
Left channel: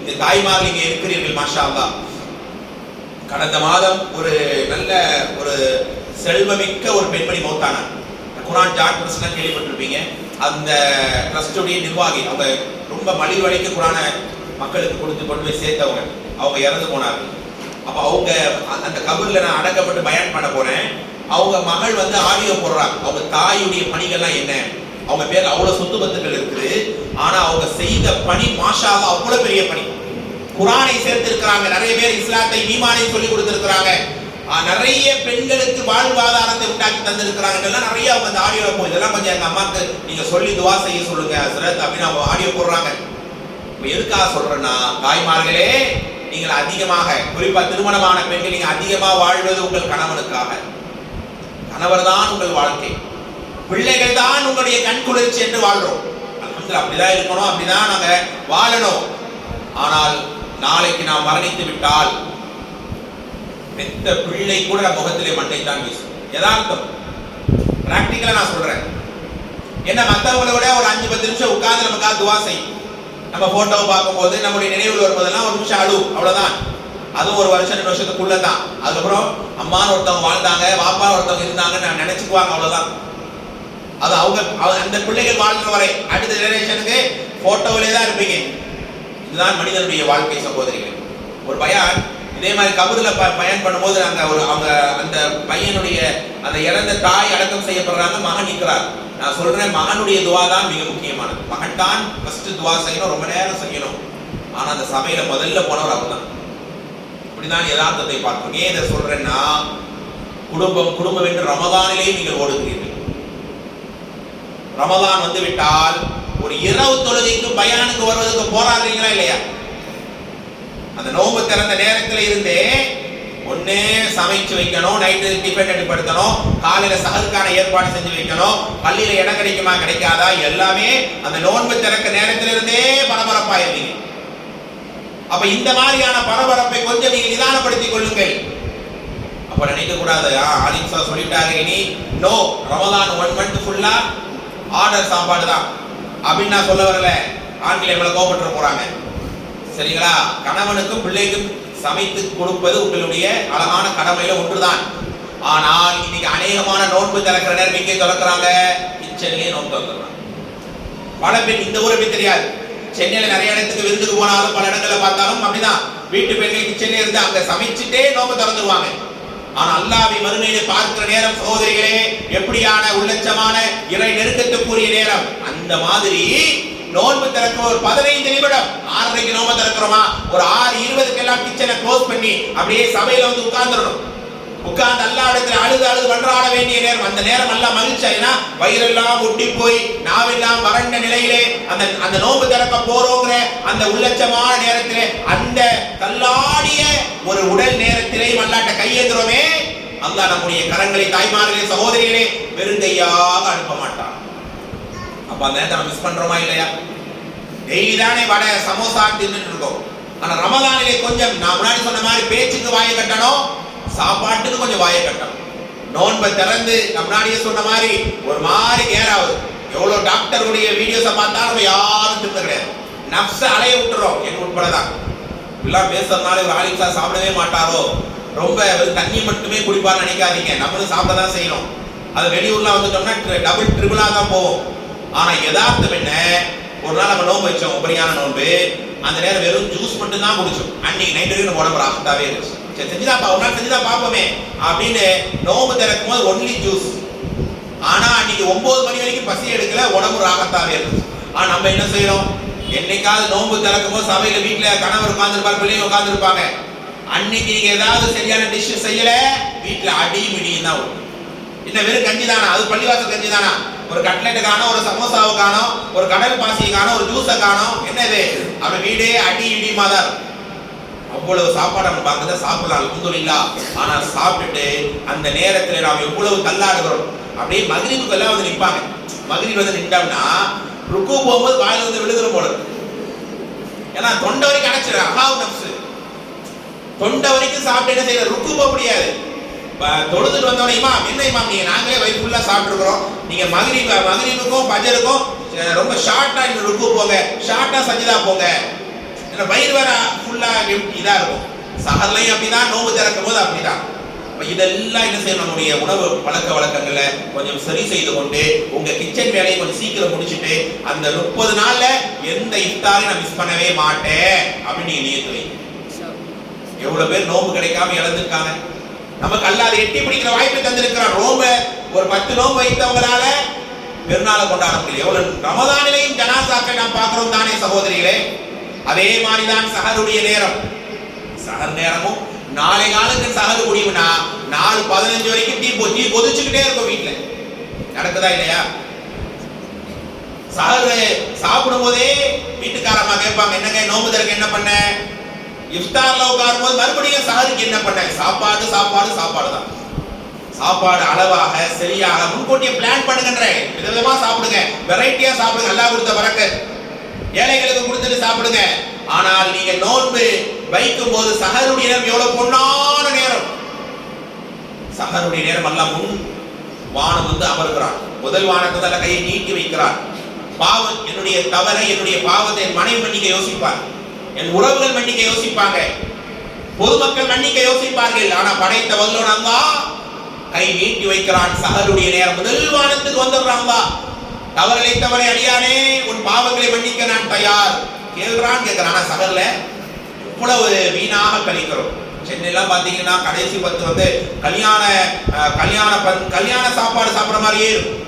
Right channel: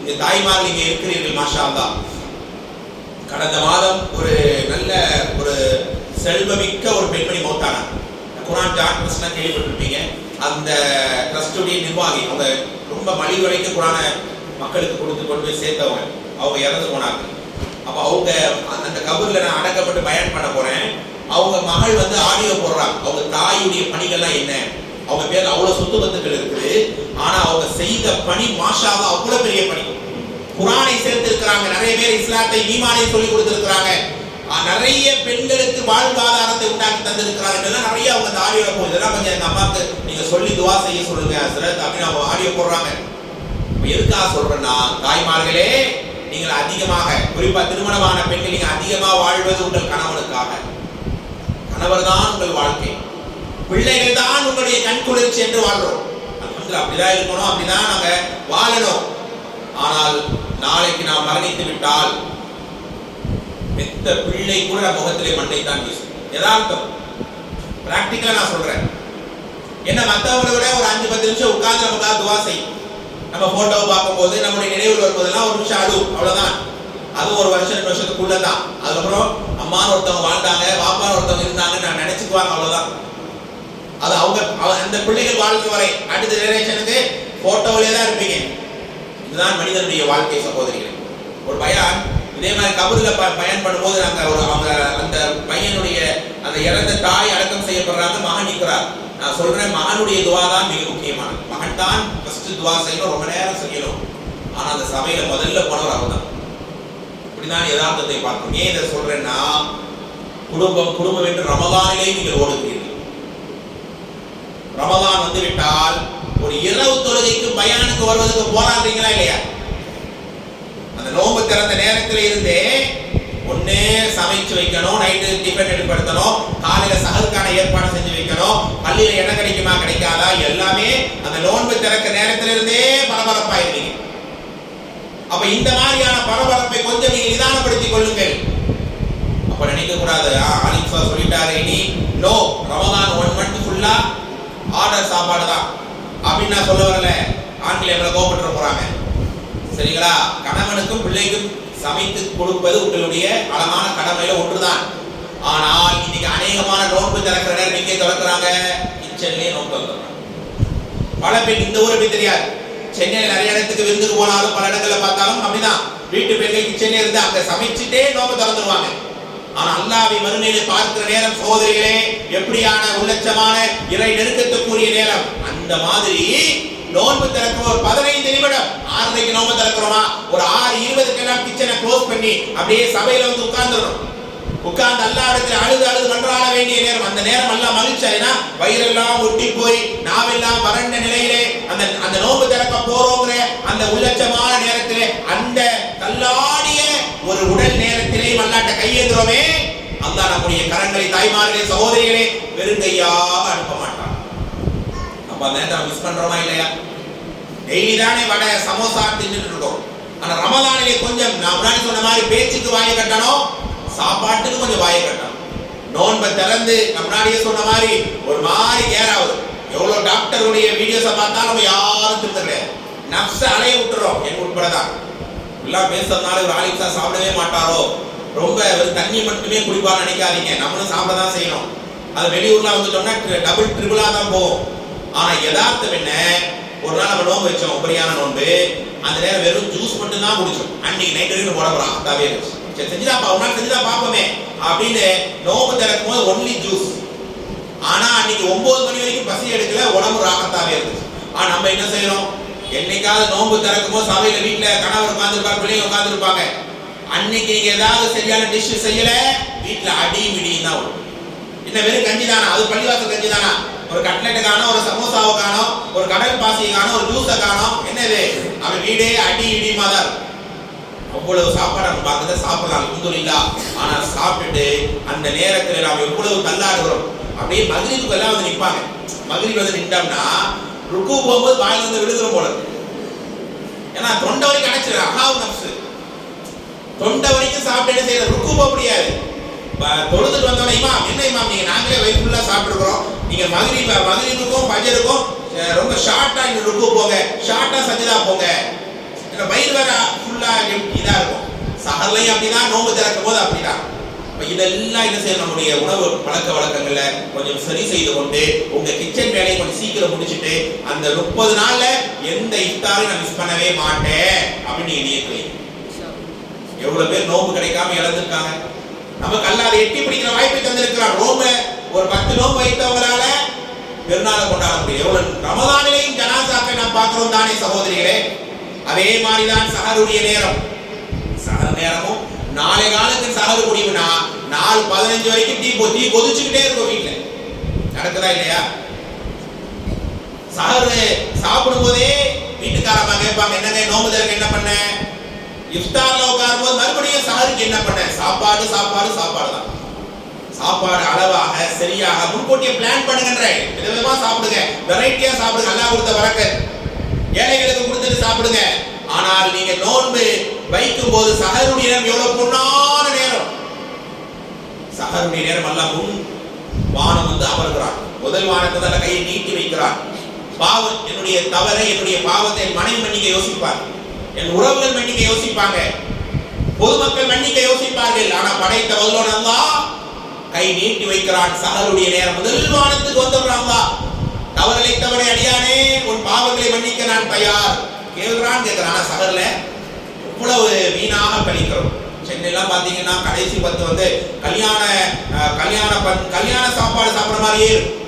இந்த தாய்மார்கள் இங்கே இருக்கிறீர்கள் மாஷா அல்லாஹ். கடந்த மாதம் ஒரு நல்ல ஒரு செல்வமிக்க ஒரு பெண்மணி மௌத்தானார். குர்ஆன் டாக்டர்ஸ் கேள்விப்பட்டிருப்பீங்க. அந்த ட்ரஸ்டுடைய நிர்வாகி, அவங்க ரொம்ப மலிவடைக்கு குர்ஆனை மக்களுக்கு கொடுத்து கொண்டு போய் சேர்த்தவங்க. அவங்க இறந்து போனார்கள். அப்போ அவங்க அந்த கபூர்ல நான் அடக்கப்பட்டு பயான் பண்ண போறேன். அவங்க மகள் வந்து ஆடியோ போடுறாங்க. அவங்க தாயுடைய பணிகள்லாம் என்ன, அவங்க பேர் அவ்வளவு சொத்து பத்துக்கள் இருக்குது. ஆனா அவங்க செய்த பணி மாஷா அல்லாஹ் அவ்வளவு பெரிய பணி. குர்ஆனை சேர்த்திருக்கிறாங்க, நிறைய பேர் இஸ்லாத்தை ஈமானை சொல்லி கொடுத்திருக்கிறாங்க, நிறைய பெண்களுக்கு வாழ்வாதாரத்தை உண்டாக்கி தந்திருக்கிறாங்க. இதெல்லாம் நிறைய அவங்க அந்த ஆடியோ போகும். இதெல்லாம் கொஞ்சம் எங்க அம்மாக்கு நீங்க சொல்லி துவா செய்ய சொல்லுங்க ஹஸ்ரத் அப்படின்னு அவங்க ஆடியோ போடுறாங்க. இப்போ எதுக்காக சொல்றேன்னா, தாய்மார்களே, நீங்கள் அதிகமாக, குறிப்பா திருமணமான பெண்கள், நீங்க அதிகமாக வாழ்வது உங்கள் கணவனுக்காக. கணவர் தான் உங்கள் வாழ்க்கை, பிள்ளைகள் தான் உங்களுடைய கண் குளிர்ச்சி என்று வாழ்றோம். அல்ஹம்துலில்லாஹ், அப்படிதான் இருக்கணும், அப்படிதான் நாங்க வாழணும். ஆனால் நாளைக்கு நாம் மரணித்து விட்டால் பெத்த பிள்ளை கூட முகத்திலே மண்ணை தான் வீசும். யதார்த்தம், பிராக்டிக்கலா நான் சொல்றேன். என்ன மற்றவங்களை விட ஒரு 5-10 நிமிஷம் உட்கார்ந்து நமக்காக துவா செய்யும். நம்ம போட்டோவை பார்க்கும்போது நம்முடைய நினைவில் வரும்போதெல்லாம் ஒரு நிமிஷம் அழுவும், அவ்வளவுதான். அதுவும் ஒரு வருஷம் 2 வருஷத்துக்குள்ள தான். அதுக்கப்புறம் அம்மான்னு ஒருத்தவங்க வாழ்ந்தாங்க, பாப்பான்னு ஒருத்தவங்க இருந்தாங்கன்னு நான் நினைச்சுக்குவாங்க, அவ்வளவுதான். அது அவங்க அந்த பிள்ளைகள் வாழ்ற வரை அடுத்த ஜெனரேஷனுக்கு போட்டோவிலே தான் இருப்பீங்க. இதுதான் மனிதனுடைய வாழ்க்கை சகோதரிகள். ஒரு பயான் இதே மாதிரி கபூர்ல பயன் பண்ணும்போது அவங்க அந்த பையனுடைய அந்த இறந்த தாய் அடக்கம் செய்யப்படுறாங்க, மகன் நிற்கிறார். நான் சொல்றேன், மகனுடைய துவா தான் மிக முக்கியமானது. மகன் தான் ஃபர்ஸ்ட் துவா செய்யணும், ரொம்ப நேரம் செய்யணும். ஆனா அந்த சபையில முதல்ல போனவர் அவர் தான். இப்படிதான் யதார்த்தத்தை பார்க்கணும். ஏன் இதை சொல்றேன்னா, குடும்பம் என்று ரமதானிலே நீங்கள் ஓடுகிறீர்கள். ரமதான் வந்து விட்டால் ஒரு இரவு தொழுகைக்கு பயானுக்கு வருவதற்கு போராடுறீங்களா இல்லையா? அந்த நோன்பு திறந்த நேரத்தில் இருந்தே ஒண்ணே சமைச்சு வைக்கணும், நைட்டு டிஃபன் எடுப்படுத்தணும், காலையில சஹருக்கான ஏற்பாடு செஞ்சு வைக்கணும், பள்ளியில இடம் கிடைக்குமா கிடைக்காதா, எல்லாமே அந்த நோன்பு திறக்க நேரத்தில் இருந்தே பரபரப்பாயிருவீங்க. அப்ப இந்த மாதிரியான பரபரப்பை கொஞ்சம் நீங்க நிதானப்படுத்திக் கொள்ளுங்கள். அப்ப நினைக்க கூடாது, ஆலிம் சார் சொல்லிட்டாரு, இனி நோ ரமதான் 1 மந்த் ஃபுல்லா ஆர்டர் சாப்பாடு தான் அப்படின்னு நான் சொல்ல வரல. ஆண்கள் எவ்வளவு கோபப்பட்டு போறாங்க, சரிங்களா? கணவனுக்கும் பிள்ளைக்கும் சமைத்து கொடுப்பது உங்களுடைய அழகான கடமையில ஒன்றுதான். ஆனால் இன்னைக்கு அநேகமான நோன்பு திறக்கிற நேரம் எங்கே திறக்கிறாங்க? கிச்சன்லயே நோன்பு திறக்கிறாங்க. பல பேர் இந்த ஊரை பத்தி தெரியாது. சென்னையில நிறைய இடத்துக்கு விருந்துக்கு போனாலும் பல இடங்கள்ல பார்த்தாலும் அப்படிதான், வீட்டு பெண்கள் கிச்சன்ல இருந்து அங்க சமைச்சுட்டே நோன்பு திறந்துருவாங்க. ஆனா அல்லாஹ்வை மறுமையிலே பார்க்கிற நேரம் சகோதரிகளே, எப்படியான உள்ளட்சமான இறை நெருக்கத்துக்குரிய நேரம். அந்த மாதிரி நோன்பு திறக்கும் ஒரு 15 நிமிடம், 6:30க்கு நோன்பு திறக்கிறோமா, ஒரு 6:20க்கெல்லாம் கிச்சனை க்ளோஸ் பண்ணி அப்படியே சபையில வந்து உட்கார்ந்துடணும். உட்கார்ந்து அல்லாஹ் இடத்துல அழுது மன்றாட வேண்டிய நேரம். அந்த நேரம் எல்லாம் மகிழ்ச்சியா வயிறெல்லாம் ஒட்டி போய் நாவெல்லாம் வறண்ட நிலையிலே அந்த நோன்பு திறக்க போறோங்கிற அந்த உள்ளட்சமான நேரத்திலே, அந்த தள்ளாடிய ஒரு உடல் நேரத்திலே அல்லாஹ்ட்ட கையேந்துறோமே, அல்லாஹ் நம்முடைய கரங்களை, தாய்மார்களே, சகோதரிகளே, வெறுங்கையாக அனுப்ப மாட்டான். அப்ப அந்த நேரத்தை மிஸ் பண்றோமா இல்லையா? டெய்லி தானே வடை சமோசா தின்னுட்டு இருக்கோம். ஆனா ரமதானிலே கொஞ்சம் நான் முன்னாடி சொன்ன மாதிரி பேச்சுக்கு வாயை கட்டணும், சாப்பாட்டுக்கு கொஞ்சம் வாயை கட்டணும். நோன்பை திறந்து முன்னாடியே சொன்ன மாதிரி ஒரு மாதிரி கேராவது. எவ்வளவு டாக்டருடைய வீடியோஸை பார்த்தாலும் நம்ம யாரும் திருத்த கிடையாது. நப்ச அலைய விட்டுறோம், என் உட்படதான். எல்லாம் பேசுறதுனால ஒரு ஆலிம்சா சாப்பிடவே மாட்டாரோ, ரொம்ப தண்ணி மட்டுமே குடிப்பான்னு நினைக்காதீங்க. நம்மளும் சாப்பிட தான் செய்யணும். அது வெளியூர்லாம் வந்துட்டோம்னா டபுள் ட்ரிபிளா தான் போகும். ஆனா யதார்த்தம் என்ன, ஒரு நாள் நம்ம நோன்பு வச்சோம், உபரியான நோன்பு. அந்த நேரம் வெறும் ஜூஸ் மட்டும் தான் குடிச்சோம். அன்னைக்கு நைட் வரைக்கும் உடம்பு ராகத்தாவே இருந்துச்சு. சரி செஞ்சுதான் ஒரு நாள் செஞ்சுதான் பார்ப்போமே அப்படின்னு நோன்பு திறக்கும் போது ஒன்லி ஜூஸ். ஆனா அன்னைக்கு 9 மணி வரைக்கும் பசி எடுக்கல, உடம்பு ராகத்தாவே இருந்துச்சு. ஆனா நம்ம என்ன செய்யறோம், என்னைக்காவது நோன்பு திறக்கும் போது சபையில வீட்டுல கணவர் உட்கார்ந்துருப்பாரு, பிள்ளைங்க உட்கார்ந்துருப்பாங்க. அன்னைக்கு நீங்க ஏதாவது சரியான டிஷ் செய்யல, வீட்டுல அடி மிடியும் தான் வரும். என்ன வெறும் கஞ்சி தானா? அது பள்ளிவாசல் கஞ்சி தானா? ஒரு கட்லெட்டு காணோம், ஒரு சமோசாவை காணோம், ஒரு கடல் பாசியை காணோம், ஒரு ஜூஸை காணோம். என்னது? அவன் வீடே அடி இடியுமா தான் இருக்கும். அவ்வளவு சாப்பாடு நம்ம பார்க்கறத சாப்பிடலாம், அல்ஹம்துலில்லாஹ். ஆனா சாப்பிட்டுட்டு அந்த நேரத்துல நாம் எவ்வளவு தள்ளாடுகிறோம். அப்படியே மக்ரிபுக்கு எல்லாம் வந்து நிற்பாங்க. மக்ரிப் வந்து நின்றோம்னா ருக்கு போகும்போது வாயில வந்து விழுதுற போல இருக்கு. ஏன்னா தொண்டை வரைக்கும் அடைச்சிரு, அகாவு நப்சு. தொண்டை வரைக்கும் சாப்பிட்டு என்ன செய்யற, ருக்கு போக முடியாது. தொழுதுட்டு வந்தோட இமாம், என்ன இமாம் நீங்க நாங்களே வயிறு ஃபுல்லா சாப்பிட்டுருக்கிறோம், நீங்க மக்ரிபுக்கும் ஃபஜ்ருக்கும் ரொம்ப ஷார்ட்டா இந்த ருக்கு போங்க, ஷார்ட்டா சஜ்தா போங்க. வயிறு வேற ஃபுல்லா இதா இருக்கும். சஹர்லையும் அப்படிதான், நோன்பு திறக்கும் போது அப்படிதான். இதெல்லாம் என்ன செய்யணும், நம்முடைய உணவு பழக்க வழக்கங்கள்ல கொஞ்சம் சரி செய்து கொண்டு உங்க கிச்சன் வேலையை கொஞ்சம் சீக்கிரம் முடிச்சுட்டு அந்த 30 நாள்ல எந்த இஃப்தாரையும் நான் மிஸ் பண்ணவே மாட்டேன் அப்படின்னு நீங்க நியத்து வைங்க. எவ்வளவு பேர் நோன்பு கிடைக்காம இழந்திருக்காங்க. நமக்கு அல்லாத எட்டி பிடிக்கிற வாய்ப்பை தந்திருக்கிறார். நோன்பு ஒரு 10 நோன்பு வைத்தவங்களால பெருநாளை கொண்டாட முடியும். எவ்வளவு ரமதானிலையும் ஜனாசாக்களை நாம் பார்க்கிறோம் தானே சகோதரிகளே? அதே மாதிரிதான் சஹருடைய நேரம். சஹர் நேரமும் நாளை காலத்துக்கு சஹரு முடியும்னா 4:15 வரைக்கும் டீ கொதிச்சுக்கிட்டே இருக்கும் வீட்டுல. நடக்குதா இல்லையா? சஹரு சாப்பிடும் போதே வீட்டுக்காரமா கேட்பாங்க, என்னங்க நோன்பு திறக்க என்ன பண்ண? இஃப்தார்ல உட்காரும் போது மறுபடியும் சஹருக்கு என்ன பண்ண? சாப்பாடு சாப்பாடு சாப்பாடு தான். சாப்பாடு அளவாக சரியாக முன்கூட்டியே பிளான் பண்ணுங்கன்ற. விதவிதமா சாப்பிடுங்க, வெரைட்டியா சாப்பிடுங்க. அல்லாஹ் கொடுத்த பரக்கத், ஏழைகளுக்கு கொடுத்துட்டு சாப்பிடுங்க. ஆனால் நீங்க நோன்பு வைக்கும் போது சஹருடைய நேரம் எவ்வளவு பொன்னான நேரம். சஹருடைய நேரம் அல்லாஹ் முன் வானம் வந்து அமர்கிறான். முதல் வானத்துல கையை நீட்டி வைக்கிறான். பாவம், என்னுடைய தவறை, என்னுடைய பாவத்தை என் மனைவி மன்னிக்க யோசிப்பார், என் உறவுகள் மன்னிக்க யோசிப்பாங்க, பொதுமக்கள் மன்னிக்க யோசிப்பார்கள். ஆனா படைத்த வல்லோன் அல்லாஹ் கை நீட்டி வைக்கிறான். சஹருடைய நேரம் முதல் வானத்துக்கு வந்துடுறான். அல்லாஹ் தவறை அடியானே, உன் பாவங்களை மன்னிக்க நான் தயார் கேட்கிறான். ஆனா சஹர்ல எவ்வளவு வீணாக கழிக்கிறோம். சென்னையெல்லாம் பாத்தீங்கன்னா கடைசி 10 வந்து கல்யாண சாப்பாடு சாப்பிடுற மாதிரியே இருக்கும்.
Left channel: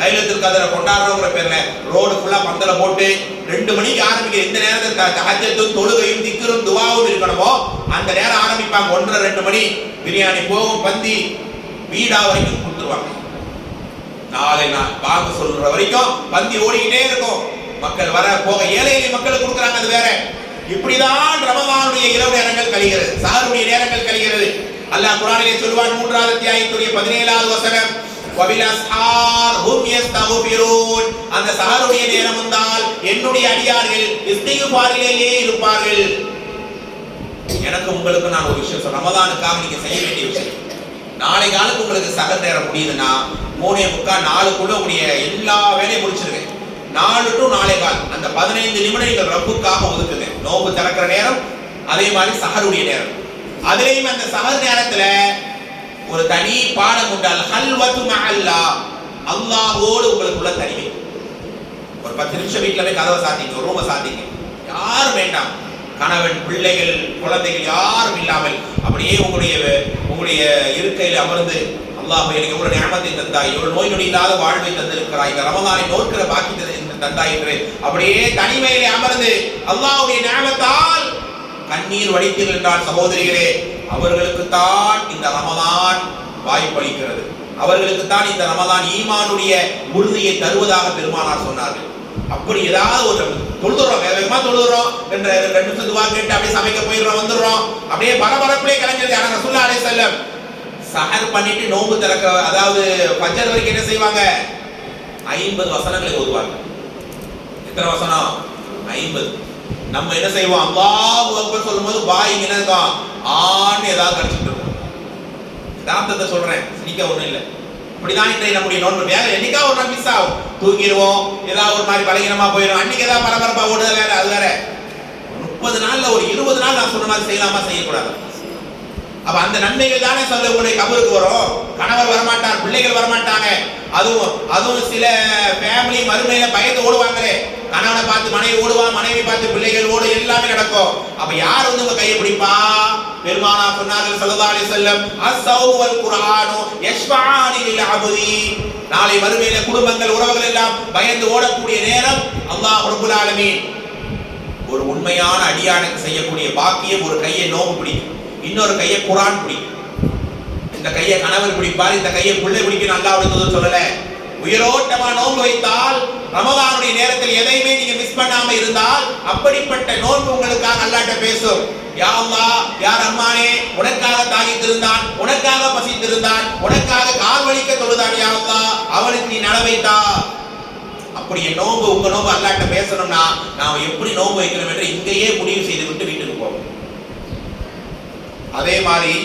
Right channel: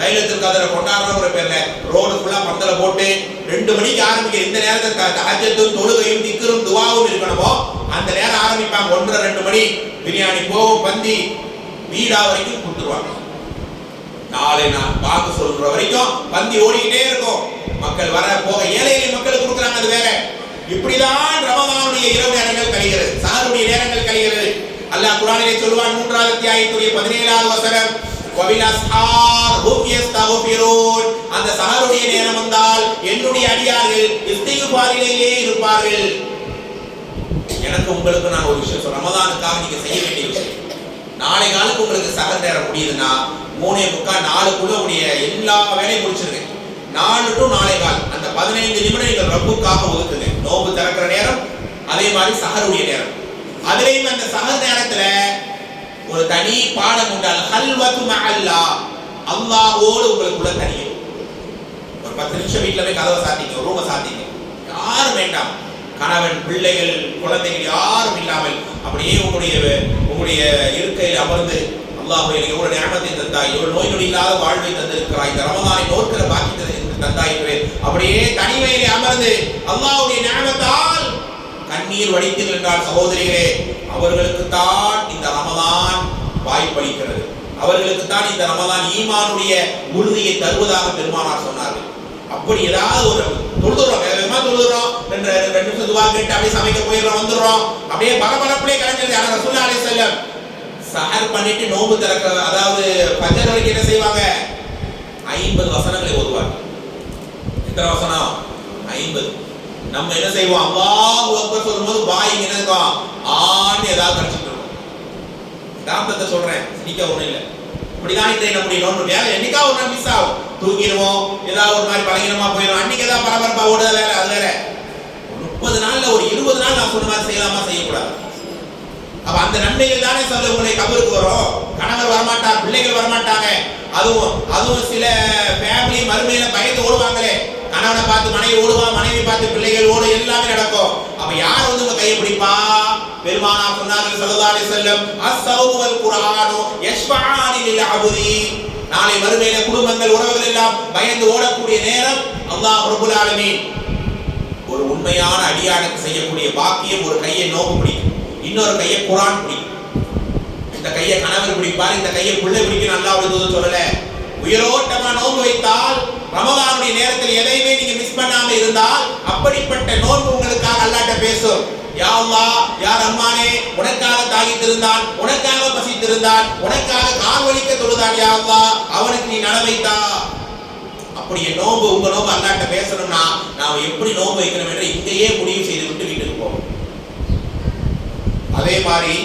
லைலத்துல் கத்ரை கொண்டாடுறோங்கிற பேர்ல ரோடு ஃபுல்லா பந்தல போட்டு 2 மணிக்கு ஆரம்பிக்கிற இந்த நேரத்தில் தஹஜ்ஜும் தொழுகையும் திக்ரும் துஆவும் இருக்கணுமோ அந்த நேரம் ஆரம்பிப்பாங்க. 1:30 2 மணி பிரியாணி போகும், பந்தி வீடா வரைக்கும் கொடுத்துருவாங்க. நாளை நான் பாக்கு சொல்ற வரைக்கும் பந்தி ஓடிக்கிட்டே இருக்கும். மக்கள் வர போக ஏழை எளிய மக்களுக்கு கொடுக்குறாங்க, அது வேற. இப்படிதான் ரமலானுடைய இரவு நேரங்கள் கழிகிறது, சஹருடைய நேரங்கள் கழிகிறது. அல்லாஹ் குர்ஆனிலே சொல்வான் 3வது அத்தியாயத்துடைய 17வது வசனம், வபிலஸ்ஹார் ஹும் யஸ்தக்ஃபிரூன். அந்த சஹருடைய நேரம் வந்தால் என்னுடைய அடியார்கள் இஸ்திக்பாரிலேயே இருப்பார்கள். எனக்கு உங்களுக்கு நான் ஒரு விஷயம் சொல்றேன், ரமலானுக்காக நீங்க செய்ய வேண்டிய விஷயம். நாளை காலுக்கு உங்களுக்கு சஹர் நேரம் முடியுதுன்னா 3:45 4க்குள்ள உடைய எல்லா வேலையும் முடிச்சிருங்க. 4 to 4:15 அந்த 15 நிமிடம் நீங்கள் ரப்புக்காக ஒதுக்குங்க. நோன்பு திறக்கிற நேரம், அதே மாதிரி சஹருடைய நேரம். அதுலயும் அந்த சஹர் நேரத்துல ஒரு தனி பாடம் உண்டு, அல் ஹல்வத்து மஅல்லாஹ், அல்லாஹ்வோடு உங்களுக்குள்ள தனியும். ஒரு 10 நிமிஷம் வீட்டுல போய் கதவை சாத்திங்க, ரூமை சாத்திங்க, யாரும் வேண்டாம், கணவன் பிள்ளைகள் குழந்தைகள் யாரும் இல்லாமல் அப்படியே உங்களுடைய இருக்கையில் அமர்ந்து, அல்லாஹ் எனக்கு எவ்வளவு நியமத்தை தந்தாய், எவ்வளவு நோய் நொடி இல்லாத வாழ்வை தந்திருக்கிறாய், இந்த ரமலானை நோக்கிற பாக்கியத்தை தந்தாய் என்று அப்படியே தனிமையிலே அமர்ந்து அல்லாஹ்வுடைய நியமத்தால் கண்ணீர் வடித்தீர்கள் என்றால் சகோதரிகளே, அவர்களுக்கு தான் இந்த ரமலான் வாய்ப்பளிக்கிறது. அவர்களுக்கு தான் இந்த ரமலான் ஈமானுடைய உறுதியை தருவதாக பெருமானார் சொன்னார்கள். அப்படி ஏதாவது ஒரு தொழுதுறோம், வேகமா தொழுதுறோம், 2 நிமிஷம் துவா கேட்டு அப்படியே சமைக்க போயிடுறோம், வந்துடுறோம், அப்படியே பரபரப்பிலே கலைஞர் யாரும் ரசூலுல்லாஹி அலைஹி வஸல்லம் சஹர் பண்ணிட்டு நோன்பு திறக்க, அதாவது ஃபஜ்ர் வரைக்கும் என்ன செய்வாங்க, 50 வசனங்களை ஓதுவாங்க. எத்தனை வசனம்? 50. நம்ம என்ன செய்வோம், அல்லாஹு அக்பர் சொல்லும்போது வாய் என்ன இருக்கும், ஆன்னு ஏதாவது கடிச்சிட்டு இருக்கும். தாத்தத்தை சொல்றேன், இன்னைக்கு ஒண்ணும் இல்லை. இப்படிதான் இன்றைய நம்முடைய நோன்பு வேலை என்னைக்கா ஒரு நாள் மிஸ் ஆகும், தூங்கிடுவோம், ஏதாவது ஒரு மாதிரி பலகீனமா போயிடும், அன்னைக்கு ஏதாவது பரபரப்பா ஓடுத வேலை, அது வேற. 30 நாள்ல ஒரு 20 நாள் நான் சொன்ன மாதிரி செய்யலாமா, செய்யக்கூடாது. அப்ப அந்த நன்மைகள் தானே சொல்ல உங்களுடைய கபருக்கு வரும். கணவர் வரமாட்டார், பிள்ளைகள் வரமாட்டாங்க. அதுவும் சில ஃபேமிலி மறுமையில பயந்து ஓடுவாங்களே, கணவனை பார்த்து மனைவி ஓடுவா, மனைவி பார்த்து பிள்ளைகள் ஓடு, எல்லாமே நடக்கும். அப்ப யார் வந்து உங்க கையை பிடிப்பா? பெருமானார் சொன்னார்கள் ஸல்லல்லாஹு அலைஹி வஸல்லம், அஸ்-ஸௌமு வல் குர்ஆனு யஷ்ஃபஆனி லில் அப்தி. நாளை மறுமையில குடும்பங்கள் உறவுகள் எல்லாம் பயந்து ஓடக்கூடிய நேரம் அல்லாஹ் ரப்பல் ஆலமீன் ஒரு உண்மையான அடியானுக்கு செய்யக்கூடிய பாக்கியம், ஒரு கையை நோன்பு பிடிக்கும், இன்னொரு கையை குர்ஆன் பிடிக்கும். இந்த கையை கணவர் பிடிப்பார், இந்த கையை பிள்ளை பிடிக்கும். அல்லாஹ் அப்படி சொல்லல. உயிரோட்டமா நோன்பு வைத்தால் ரமலானுடைய நேரத்தில் எதையுமே நீங்க மிஸ் பண்ணாம இருந்தால் அப்படிப்பட்ட நோன்பு உங்களுக்காக அல்லாஹ்ட்ட பேசும். யா அல்லாஹ், யா ரஹ்மானே, உனக்காக தாயித்திருந்தான், உனக்காக பசித்திருந்தான், உனக்காக கால் வலிக்க தொழுதான், யா அல்லாஹ் அவனுக்கு நீ நலவைத்தா. அப்படி நோன்பு, உங்க நோன்பு அல்லாஹ்ட்ட பேசணும்னா நாம எப்படி நோன்பு வைக்கணும் என்று இங்கேயே முடிவு செய்து விட்டு வீட்டுக்கு போவோம். அதே மாதிரி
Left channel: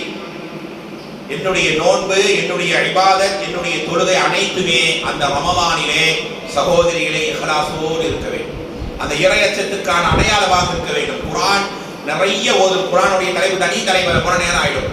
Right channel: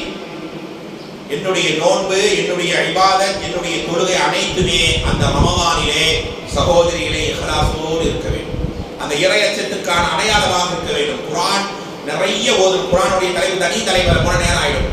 என்னுடைய நோன்பு, என்னுடைய இபாதத், என்னுடைய தொழுகை அனைத்துமே அந்த ரமலானிலே சகோதரிகளே இஹ்லாஸோடு இருக்க வேண்டும். அந்த இறையச்சத்துக்கான அடையாளமாக இருக்க வேண்டும். குர்ஆன் நிறைய ஓதும். குர்ஆனுடைய தலைப்பு தனி தலைவர் போன நேரம் ஆயிடும்.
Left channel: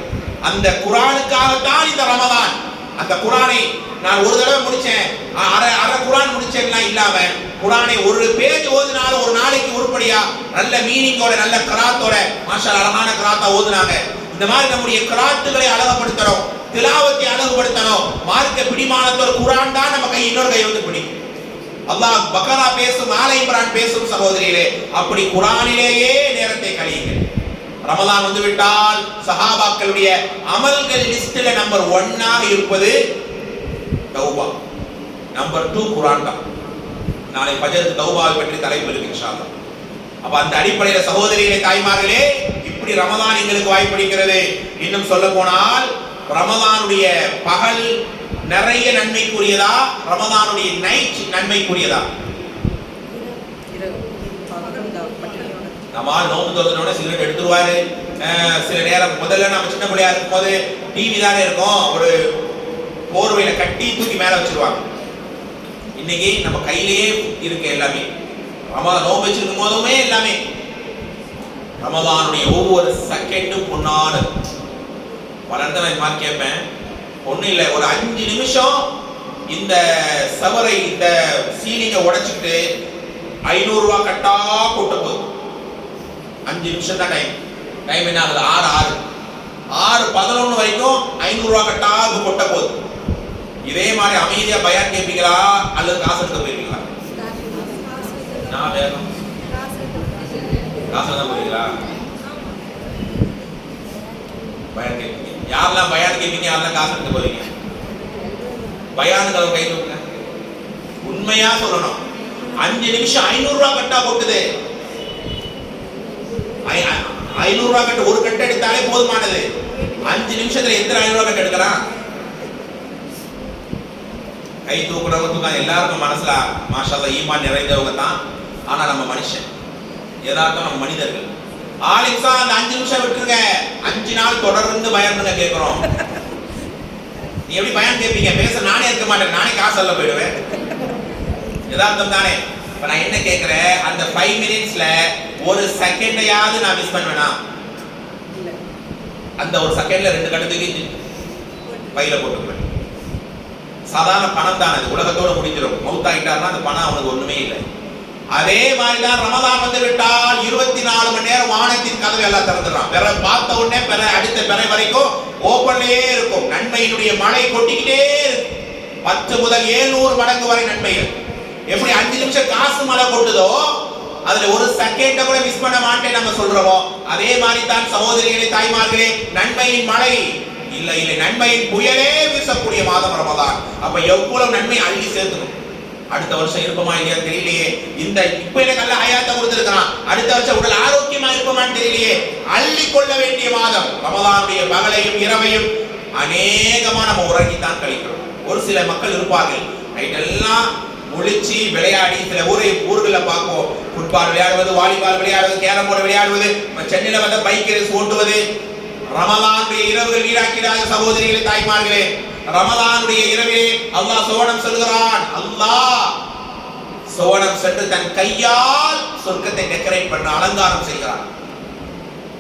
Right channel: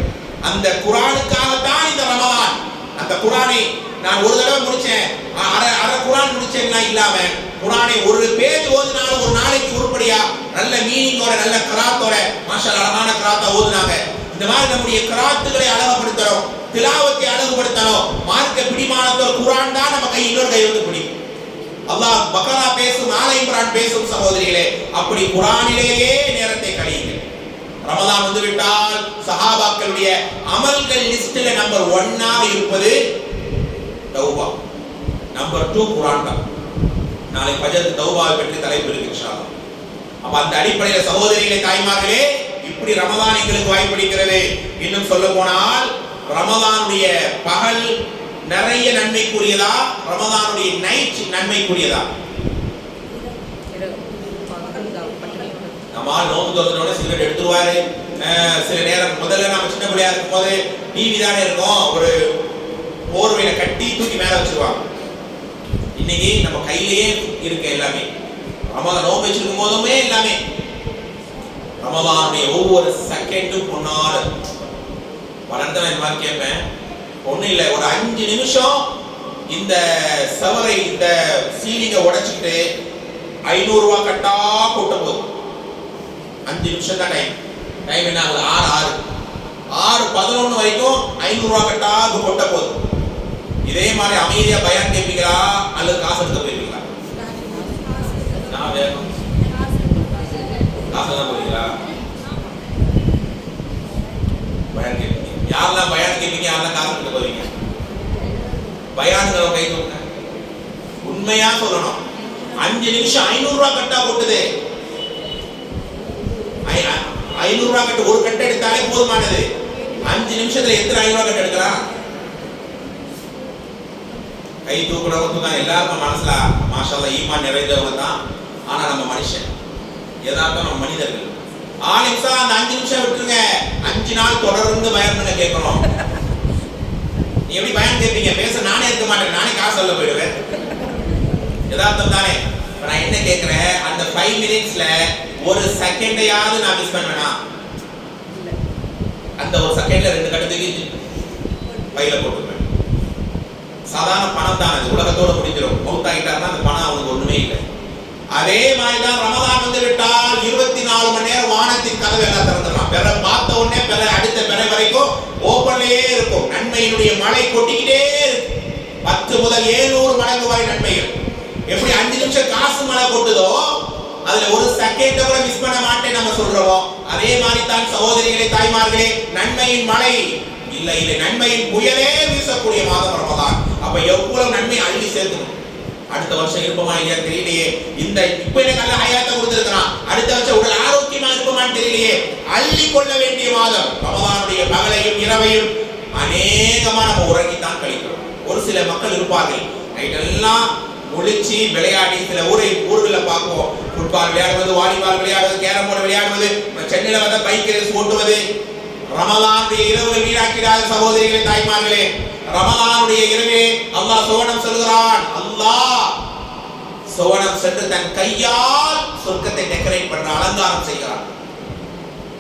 அந்த குர்ஆனுக்காக தான் இந்த ரமலான். அந்த குர்ஆனை நான் ஒரு தடவை முடிச்சேன், அரை குர்ஆன் முடிச்சேன்னா இல்லாம குர்ஆனை ஒரு பேஜ் ஓதுனாலும் ஒரு நாளைக்கு உருப்படியா நல்ல மீனிங்கோட நல்ல கிராத்தோட மாஷா அழகான கிராத்தா ஓதுனாங்க. இந்த மாதிரி நம்முடைய கிராத்துகளை அழகுபடுத்தணும், திலாவத்தை அழகுபடுத்தணும். மார்க்க பிடிமானத்தோட குர்ஆன் தான் நம்ம கை, இன்னொரு கை வந்து பிடிக்கும். அல்லாஹ் பக்ரா பேசும், ஆல இம்ரான் பேசும் சகோதரிகளே. அப்படி குர்ஆனிலேயே நேரத்தை கழியுங்கள். ரமலான் வந்து விட்டால் சஹாபாக்களுடைய அமல்கள் லிஸ்ட்ல நம்பர் 1 இருப்பது தௌபா, நம்பர் 2 குர்ஆன் தான். நாளை ஃபஜ்ர் தௌபாவை பற்றி தலைப்பு இருக்கு இன்ஷா அல்லாஹ். அப்ப அந்த அடிப்படையில் சகோதரிகளே, தாய்மார்களே, இப்படி ரமலான் எங்களுக்கு வாய்ப்பளிக்கிறது. இன்னும் சொல்ல போனால் ரமலானுடைய பகல் நிறைய நன்மைக்குரியதா, ரமலானுடைய நைட் நன்மைக்குரியதா? நம்ம நோம்பு திறந்தோட சிகரெட் எடுத்துருவாரு. சில நேரம் முதல்ல நம்ம சின்ன பிள்ளையா இருக்கும் போது டிவி தானே இருக்கும், ஒரு போர்வையில கட்டி தூக்கி மேல வச்சிருவாங்க. இன்னைக்கு நம்ம கையிலேயே இருக்கு எல்லாமே. ரமலான் நோம்பு வச்சிருக்கும் போதுமே எல்லாமே ரமலானுடைய ஒவ்வொரு செகண்டும் பொன்னானது. வளர்ந்து நான் இந்த மாதிரி கேட்பேன், ஒன்றும் இல்லை, ஒரு 5 நிமிஷம் இந்த சவரை, இந்த சீலிங்கை உடைச்சிட்டு 500 ரூபாய் கட்டா கூட்ட போகுது. 5 நிமிஷம் தான் டைம். டைம் என்ன ஆகுது? 6:11 வரைக்கும் 500 ரூபாய் கட்டா கொட்ட போகுது. இதே மாதிரி அமைதியா பயான் கேட்பீங்களா அல்லது காசு எடுத்து போயிருப்பீங்களா? நான் வேணும் காசு தான் போறீங்களா? பயான் கேட்பீங்க. யாரெல்லாம் பயான் கேட்பீங்க, யாரெல்லாம் காசு எடுத்து போவீங்க? பயானுங்களை கை தூக்குங்க. உண்மையா சொல்லணும். 5 நிமிஷம் 500 ரூபாய் கட்டா போட்டுது. 500 ரூபாய் கட்டு ஒரு கட்டு எடுத்தாலே போதுமானது. 5 நிமிஷத்துல எத்தனை 500 ரூபாய் கட்டு எடுக்கலாம்? கை தூக்குறவங்க தான் எல்லாருக்கும் மனசுல மாஷாஅல்லாஹ் ஈமான் நிறைந்தவங்க தான். ஆனா நம்ம மனுஷன், யதார்த்தம் நம்ம மனிதர்கள். ஆலிம்சா அந்த 5 நிமிஷம் விட்டுருங்க, 5 நாள் தொடர்ந்து பயானுங்க கேட்கிறோம். நீ எப்படி பயான் கேட்பீங்க? பேச நானே இருக்க மாட்டேன், நானே காசு சொல்ல போயிடுவேன். யதார்த்தம் தானே. இப்ப நான் என்ன கேட்கிறேன், அந்த 5 மினிட்ஸ்ல ஒரு செகண்டையாவது நான் மிஸ் பண்ணுவேனா? அந்த ஒரு செகண்ட்ல 2 கட்டத்துக்கு பையில போட்டுக்குவேன். சாதாரண பணம் தான், அது உலகத்தோட முடிஞ்சிடும். மௌத்தாயிட்டாருன்னா அந்த பணம் அவனுக்கு ஒண்ணுமே இல்லை. அதே மாதிரி தான் ரமதான் வந்து விட்டால் 24 மணி நேரம் வானத்தின் கதவு எல்லாம் திறந்துடலாம். பிற பார்த்த உடனே அடுத்த பிற வரைக்கும் ஓப்பன்லயே இருக்கும். நன்மையினுடைய மழை கொட்டிக்கிட்டே இருக்கும். 10 முதல் 700 மடங்கு வரை நன்மைகள். எப்படி 5 நிமிஷம் காசு மழை கொட்டுதோ, அதுல ஒரு செகண்ட கூட மிஸ் பண்ண மாட்டேன் நம்ம சொல்றோம். அதே மாதிரி தான் சகோதரிகளே, தாய்மார்களே, நன்மையின் மழை இல்லை நன்மையின் புயலே வீசக்கூடிய மாதம் ரமதான். அப்ப எவ்வளவு நன்மை அள்ளி சேர்த்துக்கணும். அடுத்த வருஷம் இருப்போமா இல்லையா தெரியலையே. இந்த இப்ப எனக்கு நல்ல ஹயாத்தை கொடுத்திருக்கிறான், அடுத்த வருஷம் உடல் ஆரோக்கியமா இருப்போமான்னு தெரியலையே. அள்ளி கொள்ள வேண்டிய மாதம் ரமதானுடைய பகலையும் இரவையும் அநேகமா நம்ம உறங்கித்தான் கழிக்கிறோம். ஒரு சில மக்கள் இருப்பார்கள், நைட் எல்லாம் முழிச்சு விளையாடி, சில ஊர்களில் பார்ப்போம், ஃபுட்பால் விளையாடுவது, வாலிபால் விளையாடுவது, கேரம் போர்டு விளையாடுவது, சென்னையில வந்து பைக் ரேஸ் ஓட்டுவது. ரமலானுடைய இரவுகள் வீணாக்கிறாத சகோதரிகளே, தாய்மார்களே, ரமலானுடைய இரவே அல்லாஹ் சோனம் சொல்கிறான். அல்லாஹ் சோனம் சென்று தன் கையால் சொர்க்கத்தை டெக்கரேட் பண்ண அலங்காரம் செய்கிறான்.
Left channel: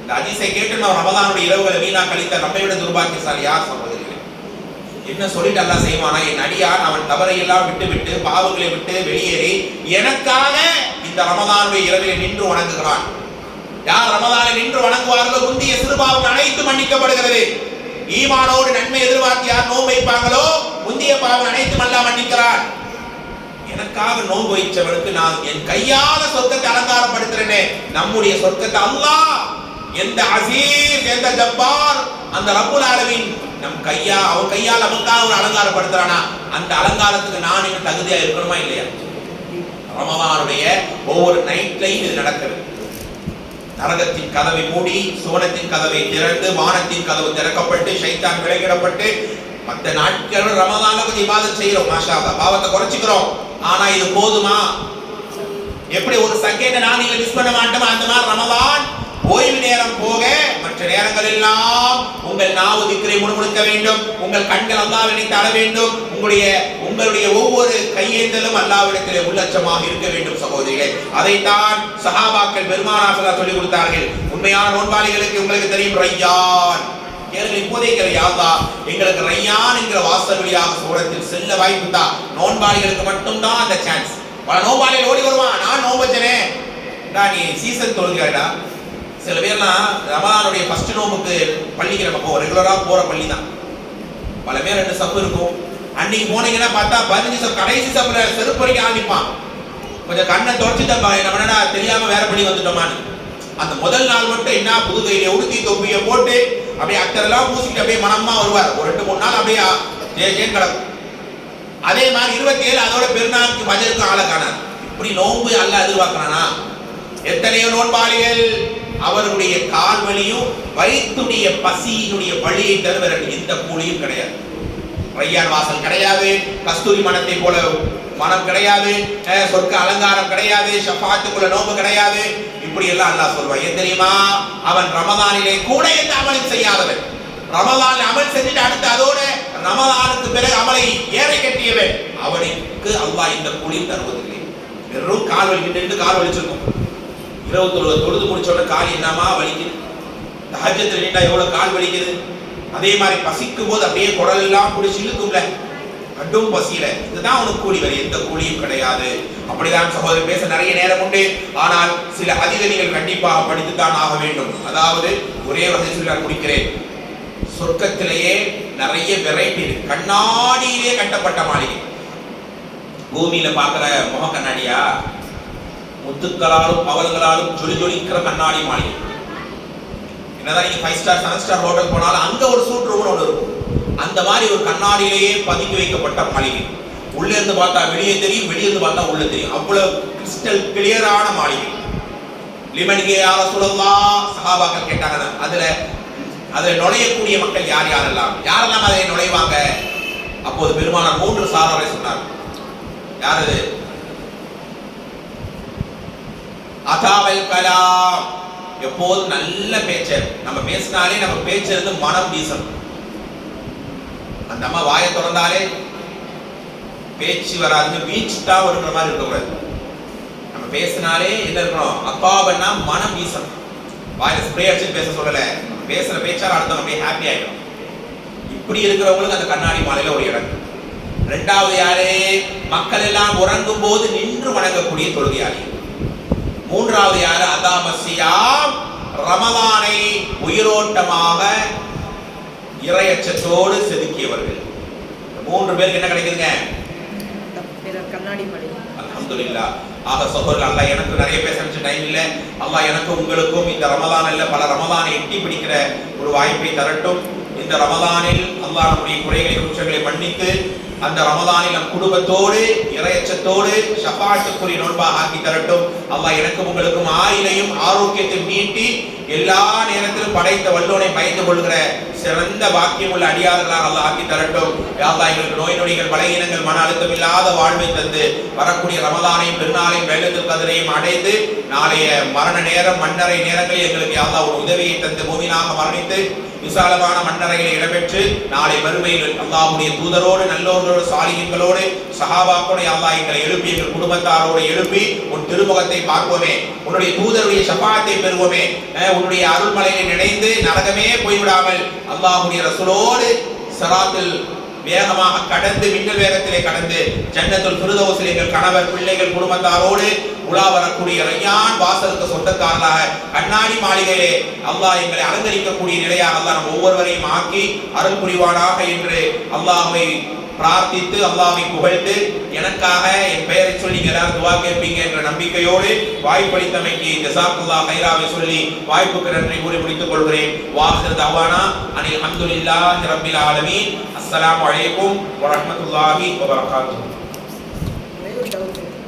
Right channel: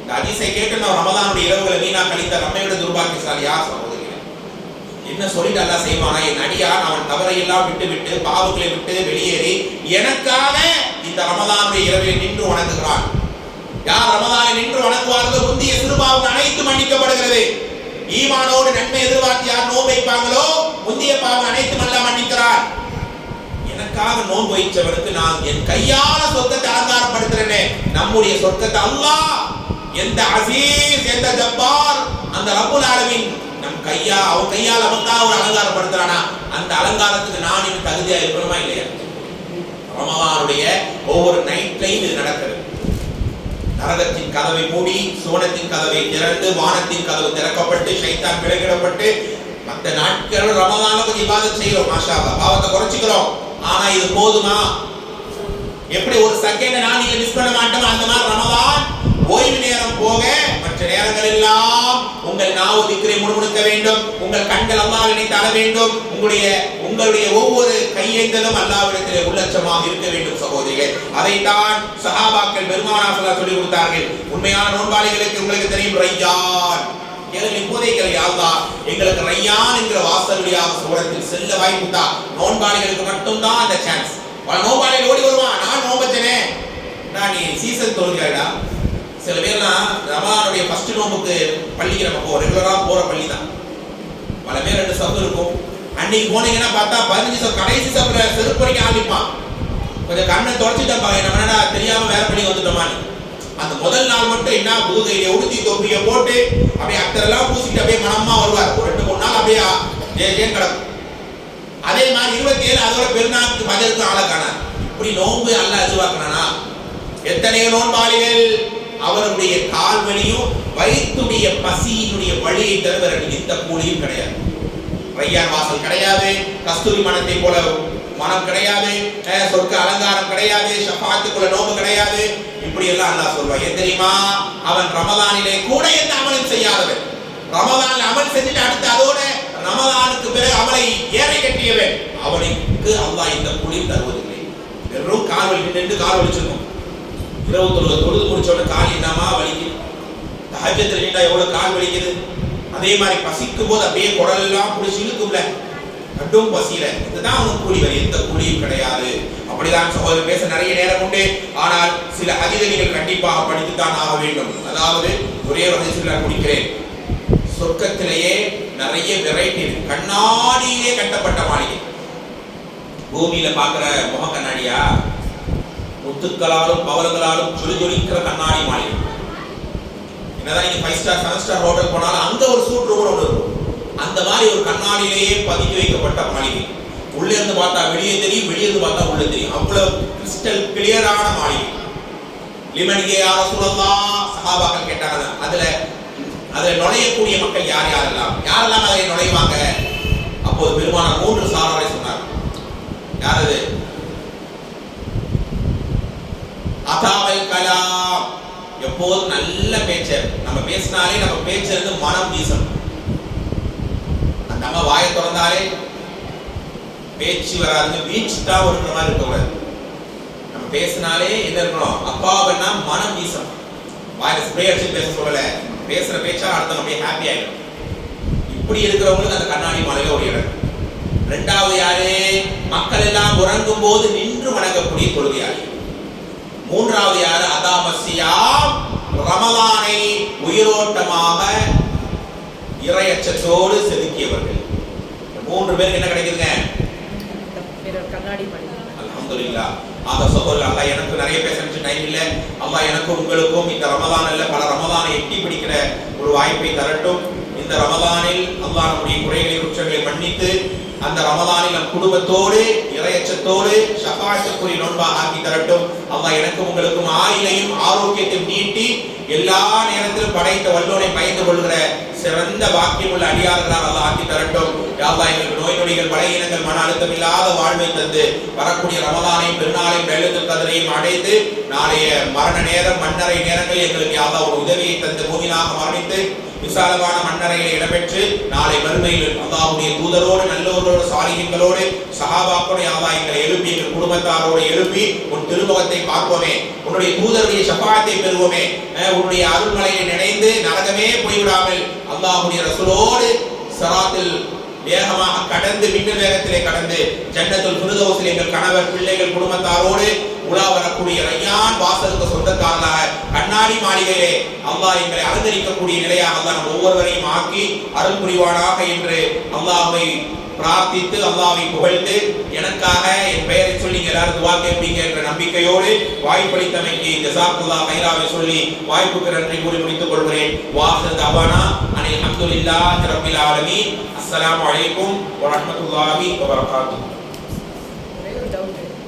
இந்த ஹதீஸை கேட்டு நான் ரமலானுடைய இரவுகளை வீணா கழித்த நம்மை விட துர்பாக்கியசாலி யார் சகோதரிகளே? என்ன சொல்லிட்டு அல்லாஹ் செய்வானா, என் அடியான் அவன் தவறை எல்லாம் விட்டு பாவங்களை விட்டு வெளியேறி எனக்காக இந்த ரமலானுடைய இரவிலே நின்று வணங்குகிறான். யார் ரமலானை நின்று வணங்குவார்களோ முந்தைய சிறுபாவங்கள் அனைத்து மன்னிக்கப்படுகிறது. ஈமானோடு நன்மை எதிர்பார்த்து யார் நோன்பு வைப்பாங்களோ முந்தைய பாவம் அனைத்தும் அல்லாஹ் மன்னிக்கிறார். எனக்காக நோன்பு வைச்சவனுக்கு நான் என் கையால சொர்க்கத்தை அலங்காரப்படுத்துறேன். நம்முடைய சொர்க்கத்தை அல்லாஹ், எந்த அசீஸ், எந்த ஜப்பார், அந்த ரப்புல் ஆலமீன் நம் அவன் கையால் அவனுக்காக ஒரு அலங்காரப்படுத்துறானா, அந்த அலங்காரத்துக்கு நான் இன்னும் தகுதியா இருக்கணுமா இல்லையா? ரமலானுடைய ஒவ்வொரு நைட்லையும் இது நடக்கிறது. நரகத்தின் கதவை மூடி சுவனத்தின் கதவை திறந்து வானத்தின் கதவு திறக்கப்பட்டு ஷைத்தான் விலகிடப்பட்டு மற்ற நாட்கள் ரமலான்ல கொஞ்சம் இபாதத் செய்யறோம், மாஷா அல்லாஹ், பாவத்தை குறைச்சிக்கிறோம். ஆனா இது போதுமா? எப்படி ஒரு செகண்ட் நான் நீங்க மிஸ் பண்ண மாட்டோம், அந்த மாதிரி ரமலான் ஓய்வு நேரம் போக மற்ற நேரங்கள் எல்லாம் உங்கள் நாவு திக்ரை முணுமுணுக்க வேண்டும், உங்கள் கண்கள் அல்லாஹ்வை நினைத்து அழ வேண்டும், உங்களுடைய ஒவ்வொரு கையேந்தலும் அல்லாஹ்விடத்திலே உள்ளச்சமாக இருக்க வேண்டும் சகோதரிகளே. அதைத்தான் சஹாபாக்கள் பெருமானார் ஸல்லல்லாஹு சொல்லி கொடுத்தார்கள். உண்மையான நோன்பாளிகளுக்கு உங்களுக்கு தெரியும் ரையான். கேளுங்கள், இப்போதே கேளுங்க, யா அல்லாஹ் எங்களுக்கு ரையான் என்கிற வாசல் வழியாக சுவனத்தில் செல்ல வாய்ப்பு தான். நோன்பாளிகளுக்கு மட்டும்தான் அந்த சான்ஸ். பல நோன்பாளிகள் ஓடி வருவான், நான் நோன்பச்சனே, நீ சீசன் தொழுகிறாடா. சில பேர்லாம் ரமலானுடைய ஃபர்ஸ்ட் நோம்புக்கு பள்ளிக்கு நம்ம போவோம், ரெகுலரா போற பள்ளி தான். பல பேர் 2 சப்பு இருக்கும். அன்னைக்கு போனீங்கன்னா பார்த்தா 15 சப்பு, கடைசி சப்புல செருப்பு வரைக்கும் ஆரம்பிப்பான். கொஞ்சம் கண்ணை தொடச்சிட்டு நம்ம என்ன தெரியாம வேற பள்ளி வந்துட்டோமான்னு. அந்த முதல் நாள் மட்டும் என்ன புது கையில உடுத்தி தொப்பியை போட்டு அப்படியே அக்தரெல்லாம் பூசிட்டு அப்படியே மனமா வருவார். ஒரு 2-3 நாள் அப்படியே ஜேன் கிடக்கும். அதே மாதிரி 27 அதோட பெருநாளுக்கு மஜருக்கு ஆளை காணார். இப்படி நோன்பு அல்லாஹ் எதிர்பார்க்கிறானா? எத்தனையோ நோன்பாளிகள் அவருடைய கால் வலியும் வயிற்றுடைய பசியினுடைய வழியை தவிர எந்த கூலியும் கிடையாது. ரையான் வாசல் கிடையாது, கஸ்தூரி மனத்தை போல மனம் கிடையாது, சொர்க்க அலங்காரம் கிடையாது, ஷஃபாத்துக்குள்ள நோம்பு கிடையாது. இப்படி எல்லாம் அல்லாஹ் சொல்வான். ஏன் தெரியுமா? அவன் ரமலானிலே கூட எந்த அமலும் செய்யாதவன். ரமலான்ல அமல் செஞ்சுட்டு அடுத்து அதோட ரமலானுக்கு பிறகு அமலை ஏறை கட்டியவன், அவனுக்கு அல்லாஹ் இந்த கூலியும் தருவதில்லை. வெறும் கால் வலிக்கு நின்று கால் வலிச்சிருக்கும். இரவு தொழுது முடிச்சோட கால் என்னமா வலிக்குது. தஹஜ்ஜுல நின்றா எவ்வளவு கால் வலிக்குது. அதே மாதிரி பசிக்கும் போது அப்படியே குடல் எல்லாம் புடிச்சு இழுக்கும்ல, கடும் பசியில. இதுதான் அவனுக்கு கூலி, வேற எந்த கூலியும் கிடையாது. அப்படிதான் சகோதரர் பேச நிறைய நேரம் உண்டு. ஆனால் சில அதிக நீங்கள் கண்டிப்பாக படித்துத்தான் ஆக வேண்டும். அதாவது ஒரே வகை சொல்ல முடிக்கிறேன். சொர்க்கத்திலேயே நிறைய வெரைட்டி இருக்கு. கண்ணாடியிலே கட்டப்பட்ட மாளிகை. பூமியில பார்க்கிற முக கண்ணாடியா, முத்துக்களாலும் பவல்களாலும் ஜொலிக்கிற கண்ணாடி மாளிகை. என்னதான் நீங்க 5 ஸ்டார் 7 ஸ்டார் ஹோட்டல் போனாலும் அங்க ஒரு சூட் ரூம் ஒன்று இருக்கும். அந்த மாதிரி ஒரு கண்ணாடியிலேயே பதுக்கி வைக்கப்பட்ட மாளிகை. உள்ள இருந்து பார்த்தா வெளியே தெரியும், வெளியே இருந்து பார்த்தா உள்ள தெரியும். அவ்வளவு கிறிஸ்டல் கிளியரான மாளிகை. லிமன்கே யா ரசூலல்லாஹ், சஹாபாக்கள் கேட்டாங்க, அதுல நுழையக்கூடிய மக்கள் யாரெல்லாம் அதில் நுழைவாங்க? அப்போது பெருமானார் 3 சாராரை சொன்னார். யார் அது? அதாவல் கலாம், எப்போதும் நல்ல பேச்சர். நம்ம பேசினாலே நம்ம பேச்சிலிருந்து மனம் வீசணும். அந்த அம்மா வாயை திறந்தாலே பேச்சு வராதுங்க, வீச்சு தான் வருகிற மாதிரி இருக்கக்கூடாது. நம்ம பேசினாலே என்ன இருக்கணும்? அக்காபன்னா மனம் வீசணும். வாயில ஸ்ப்ரே அடிச்சு பேச சொல்லல, பேசுற பேச்சால அடுத்த நம்ம ஹாப்பி ஆயிடும். இப்படி இருக்கிறவங்களுக்கு அந்த கண்ணாடி மாலையில ஒரு இடம். இரண்டாவது யாரு? மக்கள் எல்லாம் உறங்கும் போது நின்று வணங்கக்கூடிய தொழுகையாளி. மூன்றாவது யாரு? அதாமசியாம், ரமலானை உயிரோட்டமாக இறையச்சத்தோடு செதுக்கியவர்கள். 3 பேருக்கு என்ன கிடைக்குதுங்க? கண்ணாடி மாளிகை. அல்ஹம்துலில்லாஹ். ஆக சகோதரர், அல்லாஹ் எனக்கு நிறைய பேச டைம் இல்லை. அல்லாஹ் எனக்கும் உங்களுக்கும் இந்த ரமலானில் பல ரமலானை எட்டி பிடிக்கிற ஒரு வாய்ப்பை தரட்டும். இந்த ரமலானில் அல்லாஹ் நம்முடைய குறைகளை குற்றங்களை மன்னித்து அந்த ரமலானில் நம் குடும்பத்தோடு இறையச்சத்தோடு ஷஃபாஅத்துக்குரிய நோன்பாக ஆக்கி தரட்டும். அல்லாஹ் எனக்கும் உங்களுக்கும் ஆயுளையும் ஆரோக்கியத்தையும் நீட்டி எல்லா நேரத்திலும் படைத்த வல்லோனை பயந்து கொள்கிற சிறந்த வாக்கியம் உள்ள அடியார்களாக அல்லாஹ் ஆக்கி தரட்டும். யா அல்லாஹ் எங்களுக்கு நோய் நொடிகள், பலகீனங்கள், மன அழுத்தம் இல்லாத வாழ்வை தந்து வரக்கூடிய ரமலானையும் பெருநாளையும் லைலத்துல் கத்ரையும் அடைந்து நாளைய மரண நேரம் மன்னரை நேரங்களில் எங்களுக்கு யா அல்லாஹ் ஒரு உதவியை தந்து மூமினாக மரணித்து விசாலமான மன்னரையில் இடம்பெற்று நாளை மறுமையில் அல்லாஹ்வுடைய தூதரோடு நல்லோர்களோடு சாலிஹீன்களோடு சஹாபாக்களோடு யா அல்லாஹ் எங்களை எழுப்பி எங்கள் குடும்பத்தாரோடு எழுப்பி உன் திருமுகத்தை பார்ப்போமே, உன்னுடைய தூதருடைய ஷஃபாஅத்தை பெறுவோமே, உன்னுடைய அருள்மலையை நினைந்து நரகமே போய்விடாமல் அல்லாஹ்வுடைய ரசூலோடு ஸிராத்தில் வேகமாக கடந்து மின்னல் வேகத்திலே கடந்து ஜன்னத்துல் ஃபிர்தௌஸில் எங்கள் கணவர் பிள்ளைகள் குடும்பத்தாரோடு உலா வரக்கூடிய ரய்யான் வாசலுக்கு சொந்தக்காரர்களாக கண்ணாடி மாளிகையிலே அல்லாஹ் எங்களை அலங்கரிக்கக்கூடிய நிலையாக அல்லாஹ் நம் ஒவ்வொருவரையும் ஆக்கி அருள் புரிவானாக என்று அல்லாஹ்வை பிரார்த்தித்து அல்லாஹ்வை புகழ்ந்து எனக்காக என் பெயரை சொல்லி நீங்க எல்லாரும் துஆ கேட்பீங்க என்ற நம்பிக்கையோடு வாய்ப்பளித்தமைக்கு ஜஸாக்குல்லாஹ் கைராவை சொல்லி வாய்ப்புக்கு நன்றி கூறி முடித்துக் கொள்கிறேன். வாஹிர் தவானா அனில் ஹம்துலில்லாஹி ரப்பில் ஆலமீன். அஸ்ஸலாமு அலைக்கும் வரஹ்மத்துல்லாஹி வபரகாத்துஹு.